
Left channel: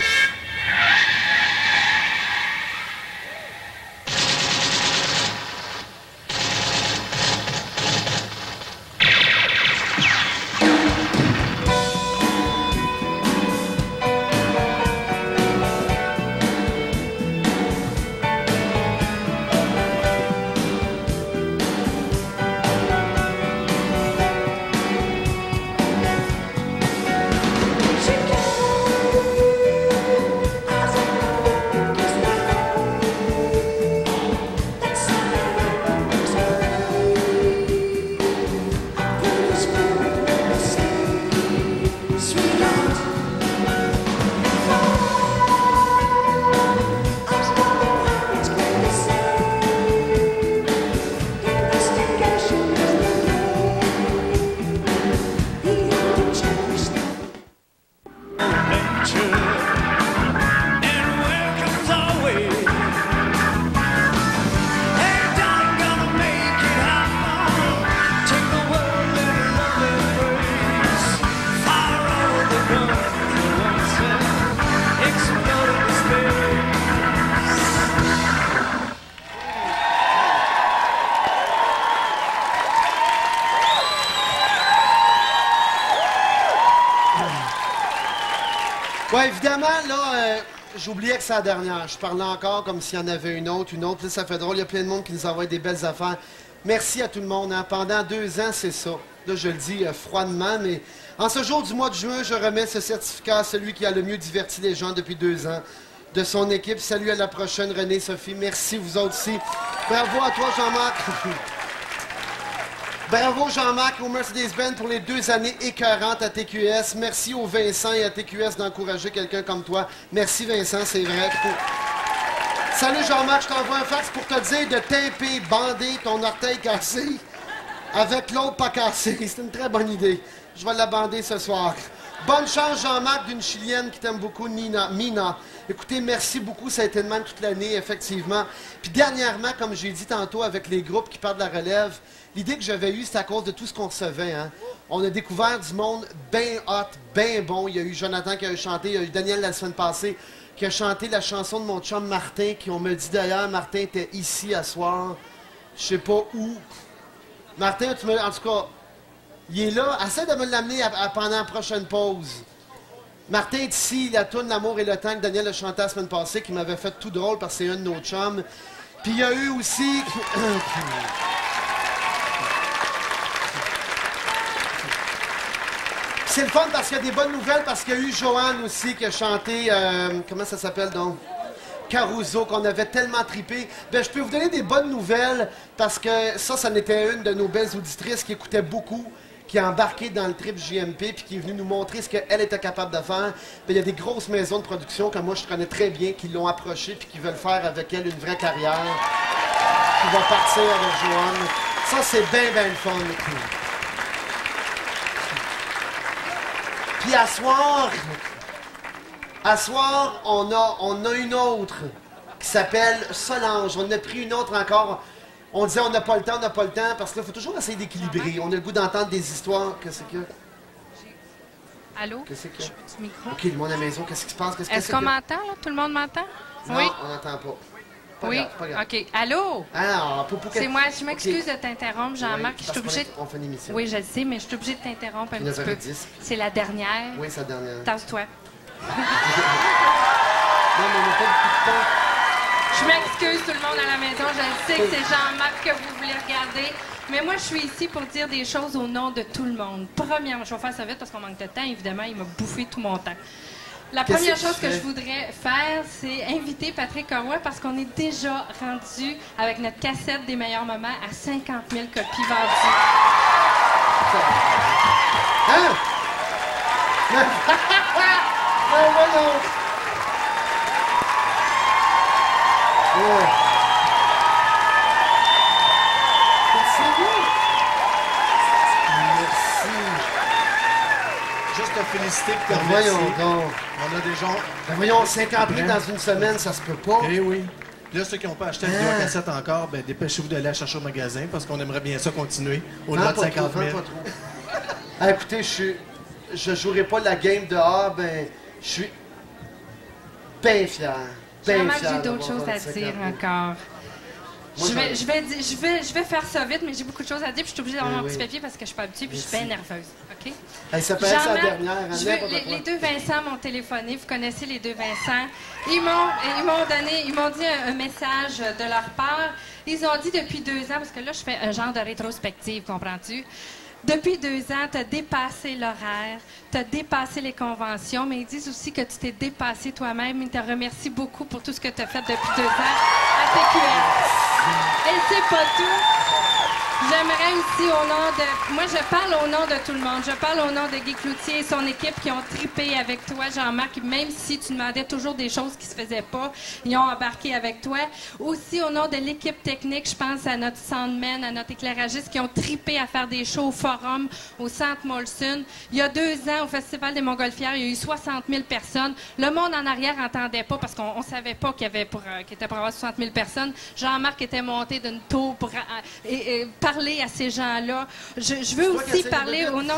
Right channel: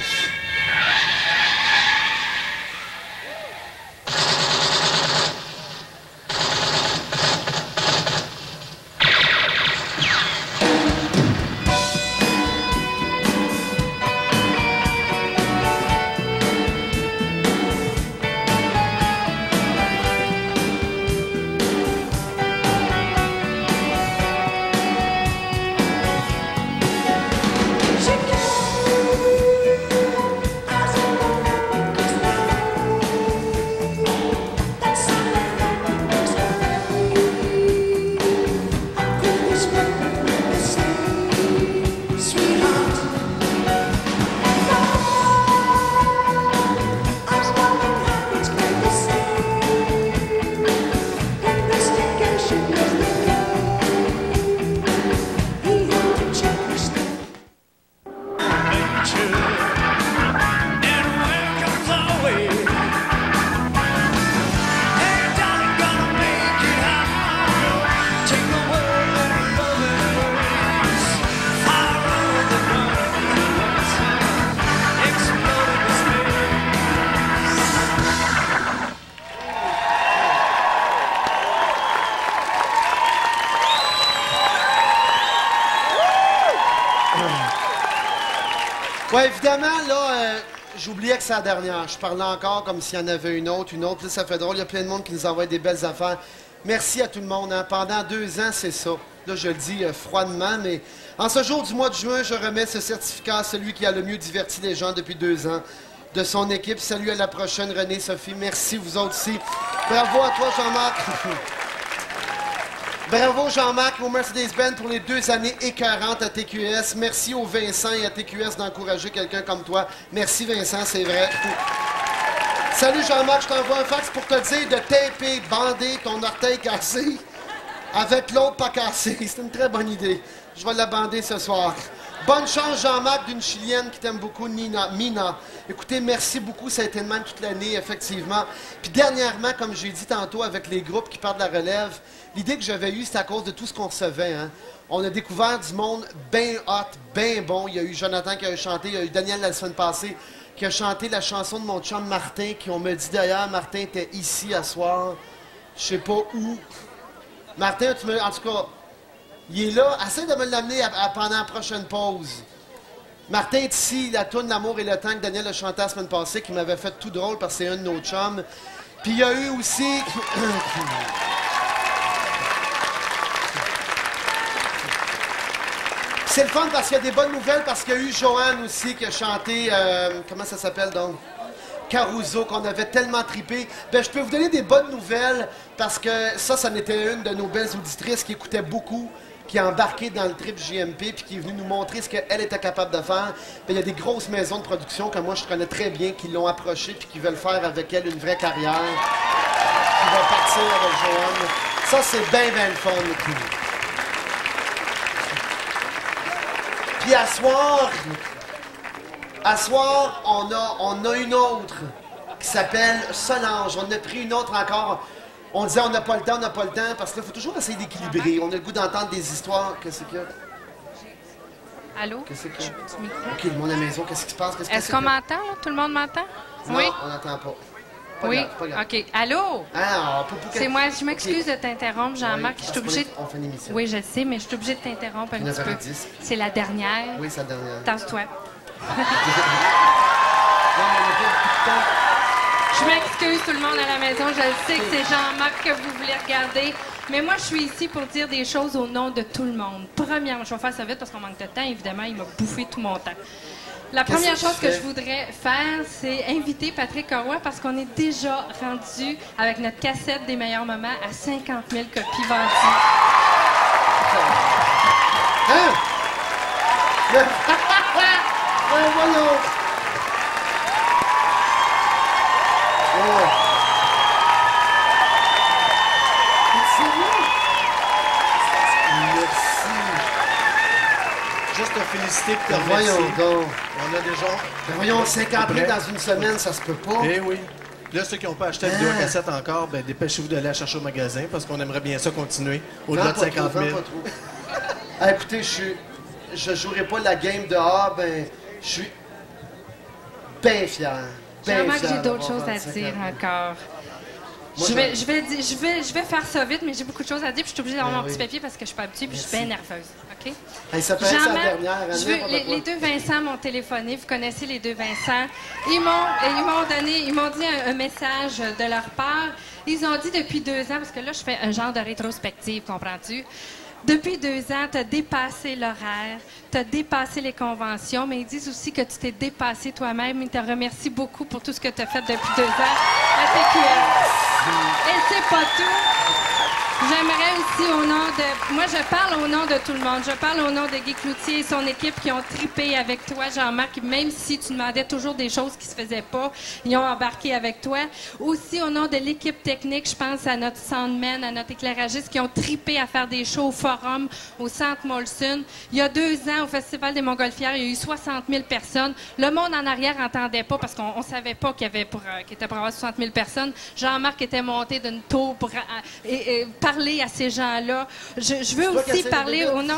Ouais, évidemment, là, j'oubliais que c'est la dernière. Je parlais encore comme s'il y en avait une autre. Là, ça fait drôle. Il y a plein de monde qui nous envoie des belles affaires. Merci à tout le monde. Hein. Pendant 2 ans, c'est ça. Là, je le dis froidement, mais en ce jour du mois de juin, je remets ce certificat à celui qui a le mieux diverti les gens depuis 2 ans de son équipe. Salut à la prochaine, René, Sophie. Merci, vous autres aussi. Bravo à toi, Jean-Marc. Bravo, Jean-Marc, au Mercedes-Benz pour les 2 années écœurantes à TQS. Merci au Vincent et à TQS d'encourager quelqu'un comme toi. Merci, Vincent, c'est vrai. Salut, Jean-Marc, je t'envoie un fax pour te dire de taper, bander ton orteil cassé avec l'autre pas cassé. C'est une très bonne idée. Je vais la bander ce soir. Bonne chance, Jean-Marc, d'une Chilienne qui t'aime beaucoup, Mina. Écoutez, merci beaucoup. Ça a été le même toute l'année, effectivement. Puis dernièrement, comme j'ai dit tantôt, avec les groupes qui partent de la relève, l'idée que j'avais eue, c'était à cause de tout ce qu'on recevait. Hein. On a découvert du monde bien hot, bien bon. Il y a eu Jonathan qui a chanté, il y a eu Daniel la semaine passée qui a chanté la chanson de mon chum Martin, qui on me dit d'ailleurs, Martin était ici à soir. Je sais pas où. Martin, en tout cas... Il est là. Essaie de me l'amener pendant la prochaine pause. Martin est ici. La tourne L'amour et le temps que Daniel a chanté la semaine passée, qui m'avait fait tout drôle parce que c'est un de nos chums. Puis il y a eu aussi... C'est le fun parce qu'il y a des bonnes nouvelles, parce qu'il y a eu Joanne aussi qui a chanté... comment ça s'appelle donc? Caruso, qu'on avait tellement trippé. Ben, je peux vous donner des bonnes nouvelles parce que ça en était une de nos belles auditrices qui écoutait beaucoup, qui a embarqué dans le trip JMP puis qui est venue nous montrer ce qu'elle était capable de faire. Ben, il y a des grosses maisons de production que moi je connais très bien qui l'ont approchée puis qui veulent faire avec elle une vraie carrière, qui va partir avec Joanne. Ça, c'est bien, bien le fun. Puis à soir, on a une autre qui s'appelle Solange. On a pris une autre encore. On disait on n'a pas le temps, parce qu'il faut toujours essayer d'équilibrer. On a le goût d'entendre des histoires. Qu'est-ce qu'il y a? Allô? Qu'est-ce qu'il y a? Du micro. OK, le monde à la maison, qu'est-ce qui se passe? Est-ce qu'on m'entend, là? Tout le monde m'entend? Non, Oui? on n'entend pas. Pas Oui? grave, pas grave. OK. Allô? Alors, C'est moi. Je m'excuse de t'interrompre, Jean-Marc. Oui, Je suis obligée... on fait une émission. Oui, je le sais, mais je suis obligée de t'interrompre un petit peu. 9h10. C'est la dernière. Oui, c'est la dernière. Tasse-toi. Non, mais on n'a pas beaucoup de temps. Je m'excuse, tout le monde à la maison. Je sais que c'est Jean-Marc que vous voulez regarder. Mais moi, je suis ici pour dire des choses au nom de tout le monde. Premièrement, je vais faire ça vite parce qu'on manque de temps. Évidemment, il m'a bouffé tout mon temps. La première chose que je voudrais faire, c'est inviter Patrick Roy parce qu'on est déjà rendu avec notre cassette des meilleurs moments à 50 000 copies vendues. Hein? Mais voyons! Oh. T'es sérieux? Merci. Juste te féliciter et te Voyons remercier. donc. On a des gens... Ben voyons, 50 000 prêt? dans une semaine, ça se peut pas. Eh oui. Là, ceux qui n'ont pas acheté la vidéo à cassette encore, ben, dépêchez-vous d'aller la chercher au magasin parce qu'on aimerait bien ça continuer au-delà de 50 000. Pas trop. Ah, écoutez, je jouerai pas la game de ben, je suis bien fier. Jean-Marc, j'ai d'autres choses à dire encore. Moi, Je vais faire ça vite, mais j'ai beaucoup de choses à dire, puis je suis obligée d'avoir mon petit papier parce que je suis pas habituée, puis je suis bien nerveuse. OK? Hey, ça peut être sa Jean-Marc, dernière. Hein, les deux Vincent m'ont téléphoné. Vous connaissez les deux Vincent. Ils m'ont dit un message de leur part. Ils ont dit depuis 2 ans, parce que là, je fais un genre de rétrospective, comprends-tu? Depuis 2 ans, tu as dépassé l'horaire, tu as dépassé les conventions, mais ils disent aussi que tu t'es dépassé toi-même. Ils te remercient beaucoup pour tout ce que tu as fait depuis 2 ans à TQS. Et c'est pas tout. J'aimerais aussi au nom de... Moi, je parle au nom de tout le monde. Je parle au nom de Guy Cloutier et son équipe qui ont trippé avec toi, Jean-Marc. Même si tu demandais toujours des choses qui se faisaient pas, ils ont embarqué avec toi. Aussi, au nom de l'équipe technique, je pense à notre soundman, à notre éclairagiste qui ont trippé à faire des shows au Forum, au Centre Molson. Il y a 2 ans, au Festival des Montgolfières, il y a eu 60 000 personnes. Le monde en arrière n'entendait pas parce qu'on savait pas qu'il était pour avoir 60 000 personnes. Jean-Marc était monté d'une tour pour parler à ces gens-là. Je veux aussi parler au nom...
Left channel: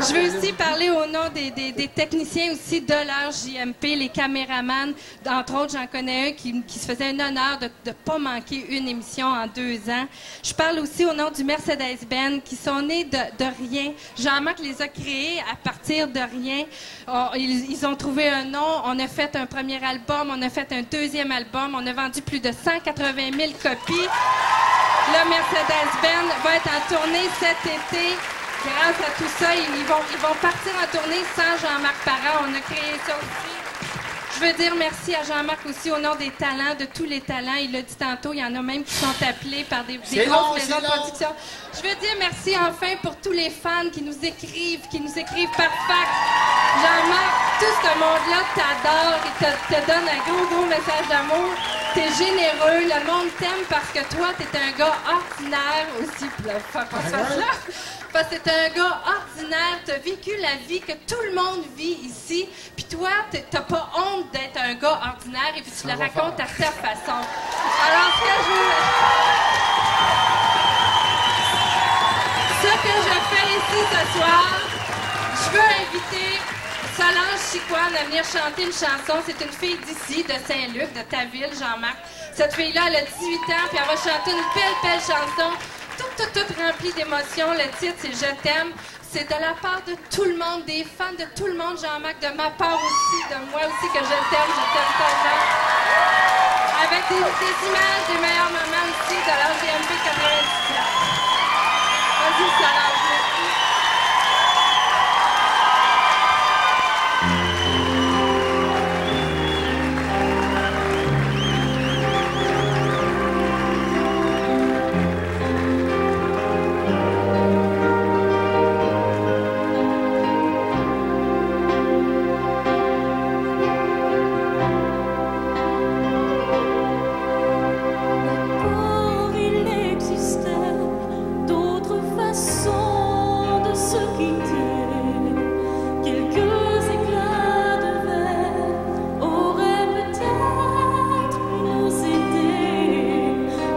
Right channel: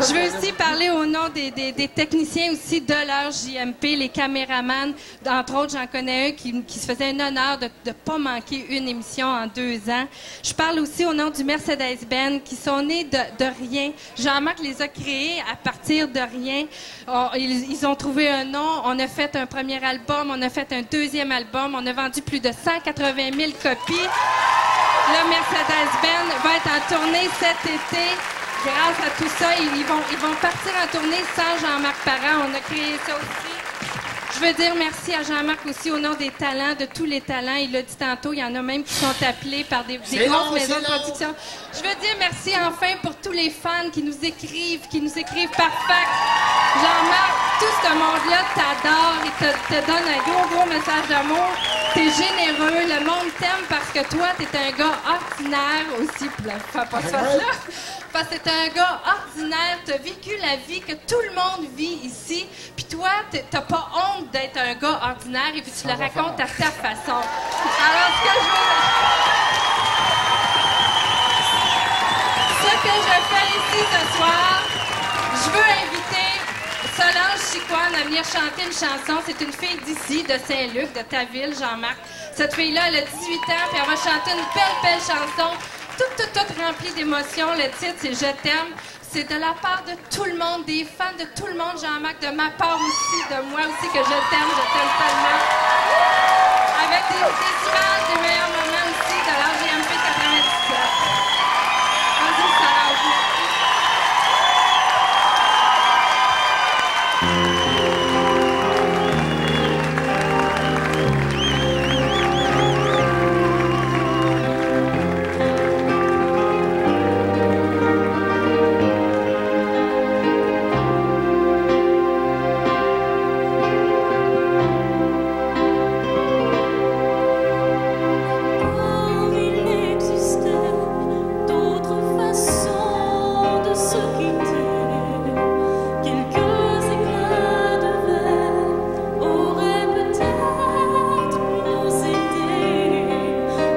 Je veux aussi parler au nom des techniciens aussi de leur JMP, les caméramans. Entre autres, j'en connais un qui se faisait un honneur de ne pas manquer une émission en 2 ans. Je parle aussi au nom du Mercedes-Benz qui sont nés de rien. Jean-Marc les a créés à partir de rien. Ils ont trouvé un nom. On a fait un premier album. On a fait un deuxième album. On a vendu plus de 180 000 copies. Le Mercedes-Benz va être en tournée cet été. Grâce à tout ça, ils vont partir en tournée sans Jean-Marc Parent. On a créé ça aussi. Je veux dire merci à Jean-Marc aussi au nom des talents, de tous les talents. Il l'a dit tantôt, il y en a même qui sont appelés par des grosses maisons de production. Je veux dire merci enfin pour tous les fans qui nous écrivent par fax. Jean-Marc, tout ce monde-là t'adore, il te donne un gros message d'amour. T'es généreux, le monde t'aime parce que toi, t'es un gars ordinaire aussi. Fais pas ça là. Parce que t'es un gars ordinaire, t'as vécu la vie que tout le monde vit ici, puis toi, t'as pas honte d'être un gars ordinaire et puis tu le racontes à ta façon. Alors, ce que je fais ici ce soir, je veux inviter Solange Chicoine à venir chanter une chanson. C'est une fille d'ici, de Saint-Luc, de ta ville, Jean-Marc. Cette fille-là, elle a 18 ans, puis elle va chanter une belle chanson. Toute remplie d'émotions. Le titre, c'est « Je t'aime ». C'est de la part de tout le monde, des fans de tout le monde, Jean-Marc, de ma part aussi, de moi aussi, que je t'aime tellement. Avec des images des meilleurs moments aussi de l'RGMP 97. Vas-y, Solange, merci. Il existait d'autres façons de se quitter. Quelques éclats de verre auraient peut-être pu nous aider.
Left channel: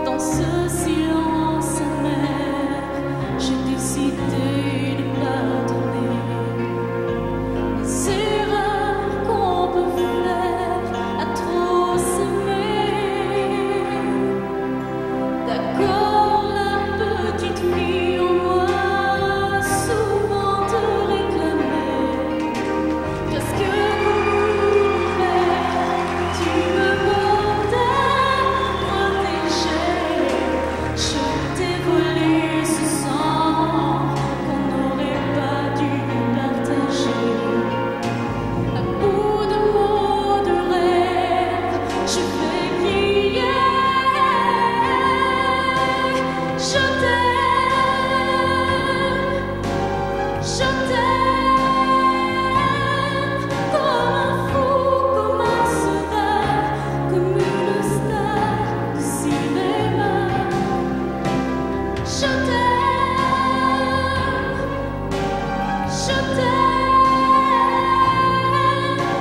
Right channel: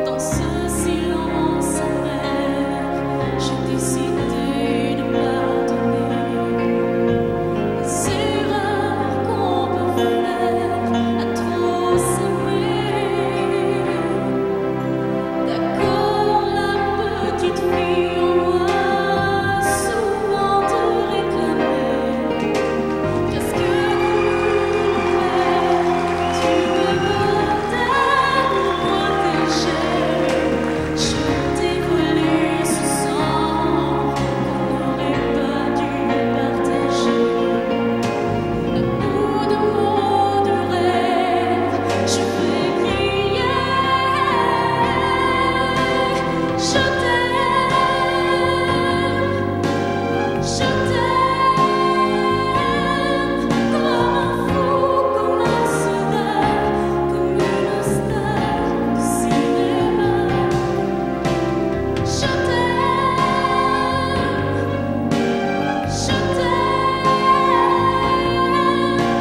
Dans ce silence amer, j'ai décidé de pardonner les erreurs qu'on peut faire à trop s'aimer. D'accord, la petite fille en moi souvent te réclamait presque comme une mère. Tu me bordais, me protégeais. Je t'ai volé ce sang qu'on n'aurait pas dû partager. À bout de mots, de rêves, je vais crier. Je t'aime comme un fou, comme un soldat, comme une star de cinéma. Je t'aime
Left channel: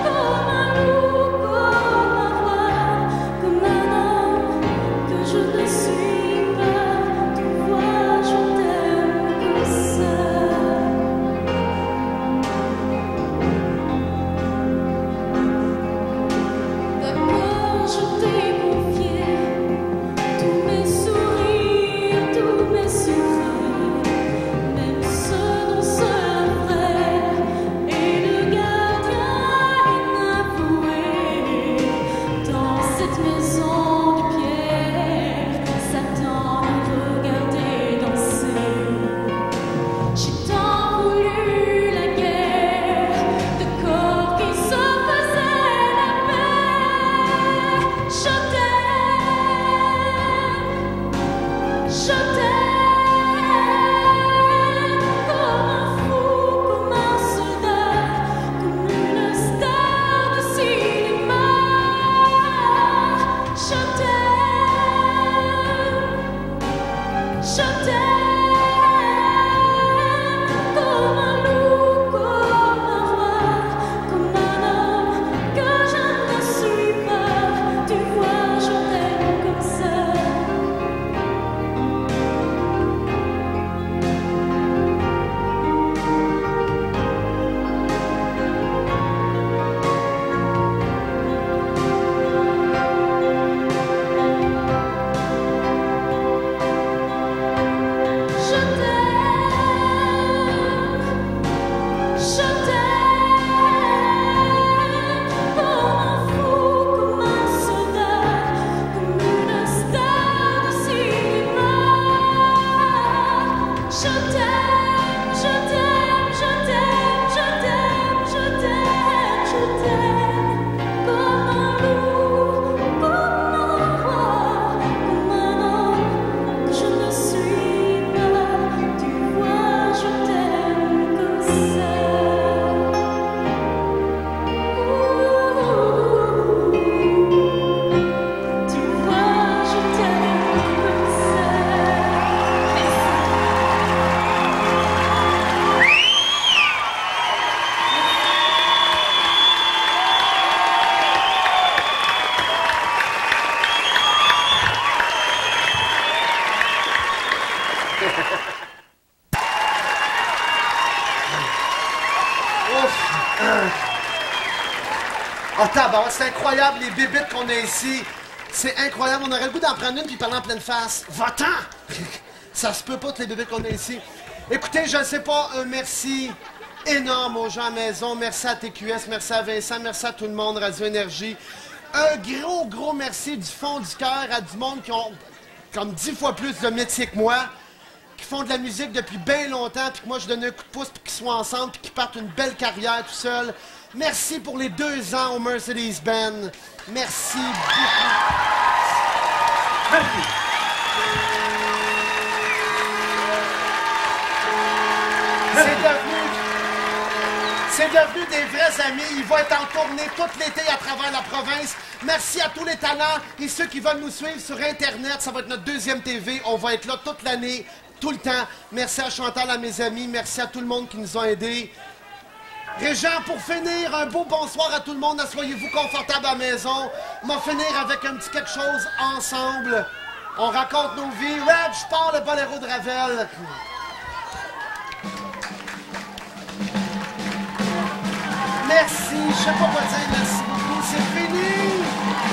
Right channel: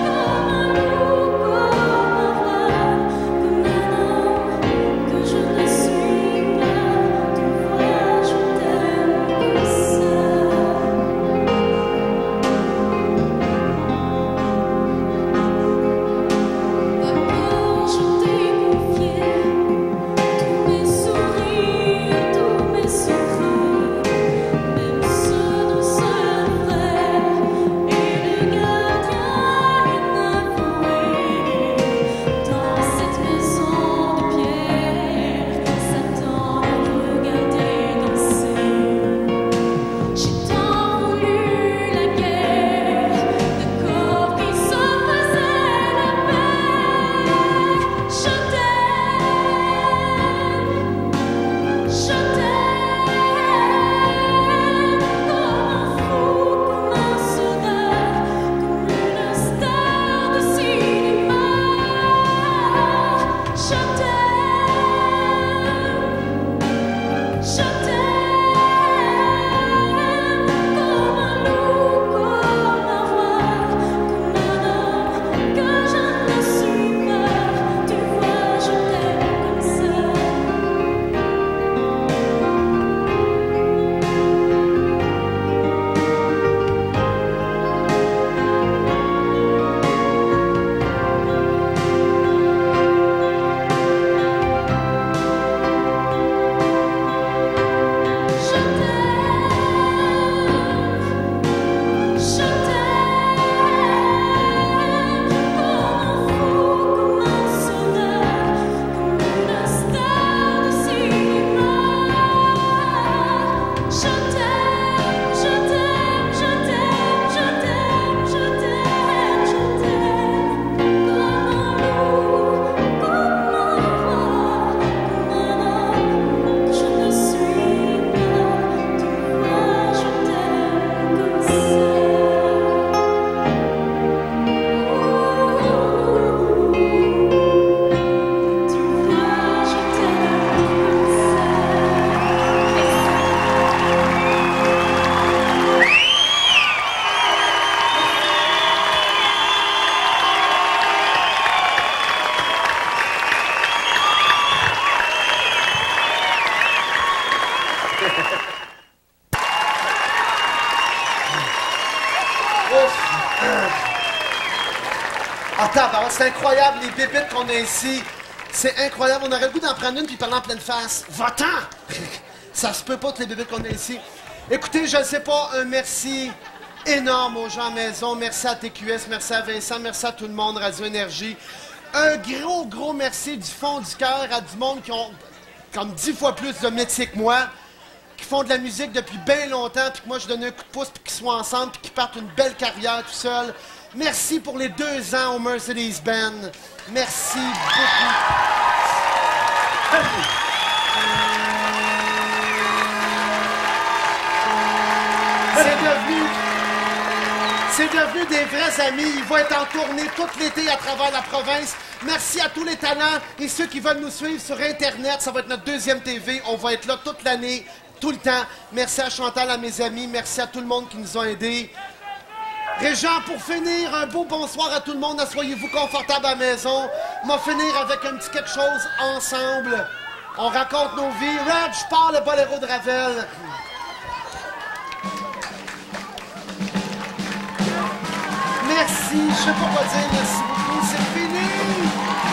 comme un loup, comme un roi, comme un homme que je ne suis pas. Tu vois, je t'aime comme ça. D'abord, je t'ai confié tous mes sourires, tous mes secrets, même ceux dont seul un frère est le gardien inavoué. Dans cette maison de pierre, Satan nous regardait danser. J'ai tant voulu la guerre, de corps qui se faisaient la paix. Je t'aime comme un fou, comme un soldat, comme une star de cinéma. Je t'aime comme un loup, comme un roi, comme un homme que je ne suis pas. Tu vois, je t'aime comme ça. Ah, tabarouette, c'est incroyable, les bébites qu'on a ici. C'est incroyable. On aurait le goût d'en prendre une puis parler en pleine face. Va-t'en! Ça se peut pas, toutes les bébites qu'on a ici. Écoutez, je ne sais pas, un merci énorme aux gens à la maison. Merci à TQS, merci à Vincent, merci à tout le monde, Radio Énergie. Un gros merci du fond du cœur à du monde qui ont comme 10 fois plus de métier que moi, qui font de la musique depuis bien longtemps, puis que moi, je donne un coup de pouce pour qu'ils soient ensemble, puis qu'ils partent une belle carrière tout seuls. Merci pour les 2 ans au Mercedes-Benz. Merci beaucoup. C'est devenu des vrais amis. Ils vont être en tournée tout l'été à travers la province. Merci à tous les talents et ceux qui veulent nous suivre sur Internet. Ça va être notre 2e TV. On va être là toute l'année, tout le temps. Merci à Chantal, à mes amis. Merci à tout le monde qui nous a aidés. Régent, pour finir, un beau bonsoir à tout le monde. Assoyez-vous confortable à la maison. On va finir avec un petit quelque chose ensemble. On raconte nos vies. Red, je pars le boléro de Ravel. Merci, je sais pas quoi dire, merci beaucoup, c'est fini!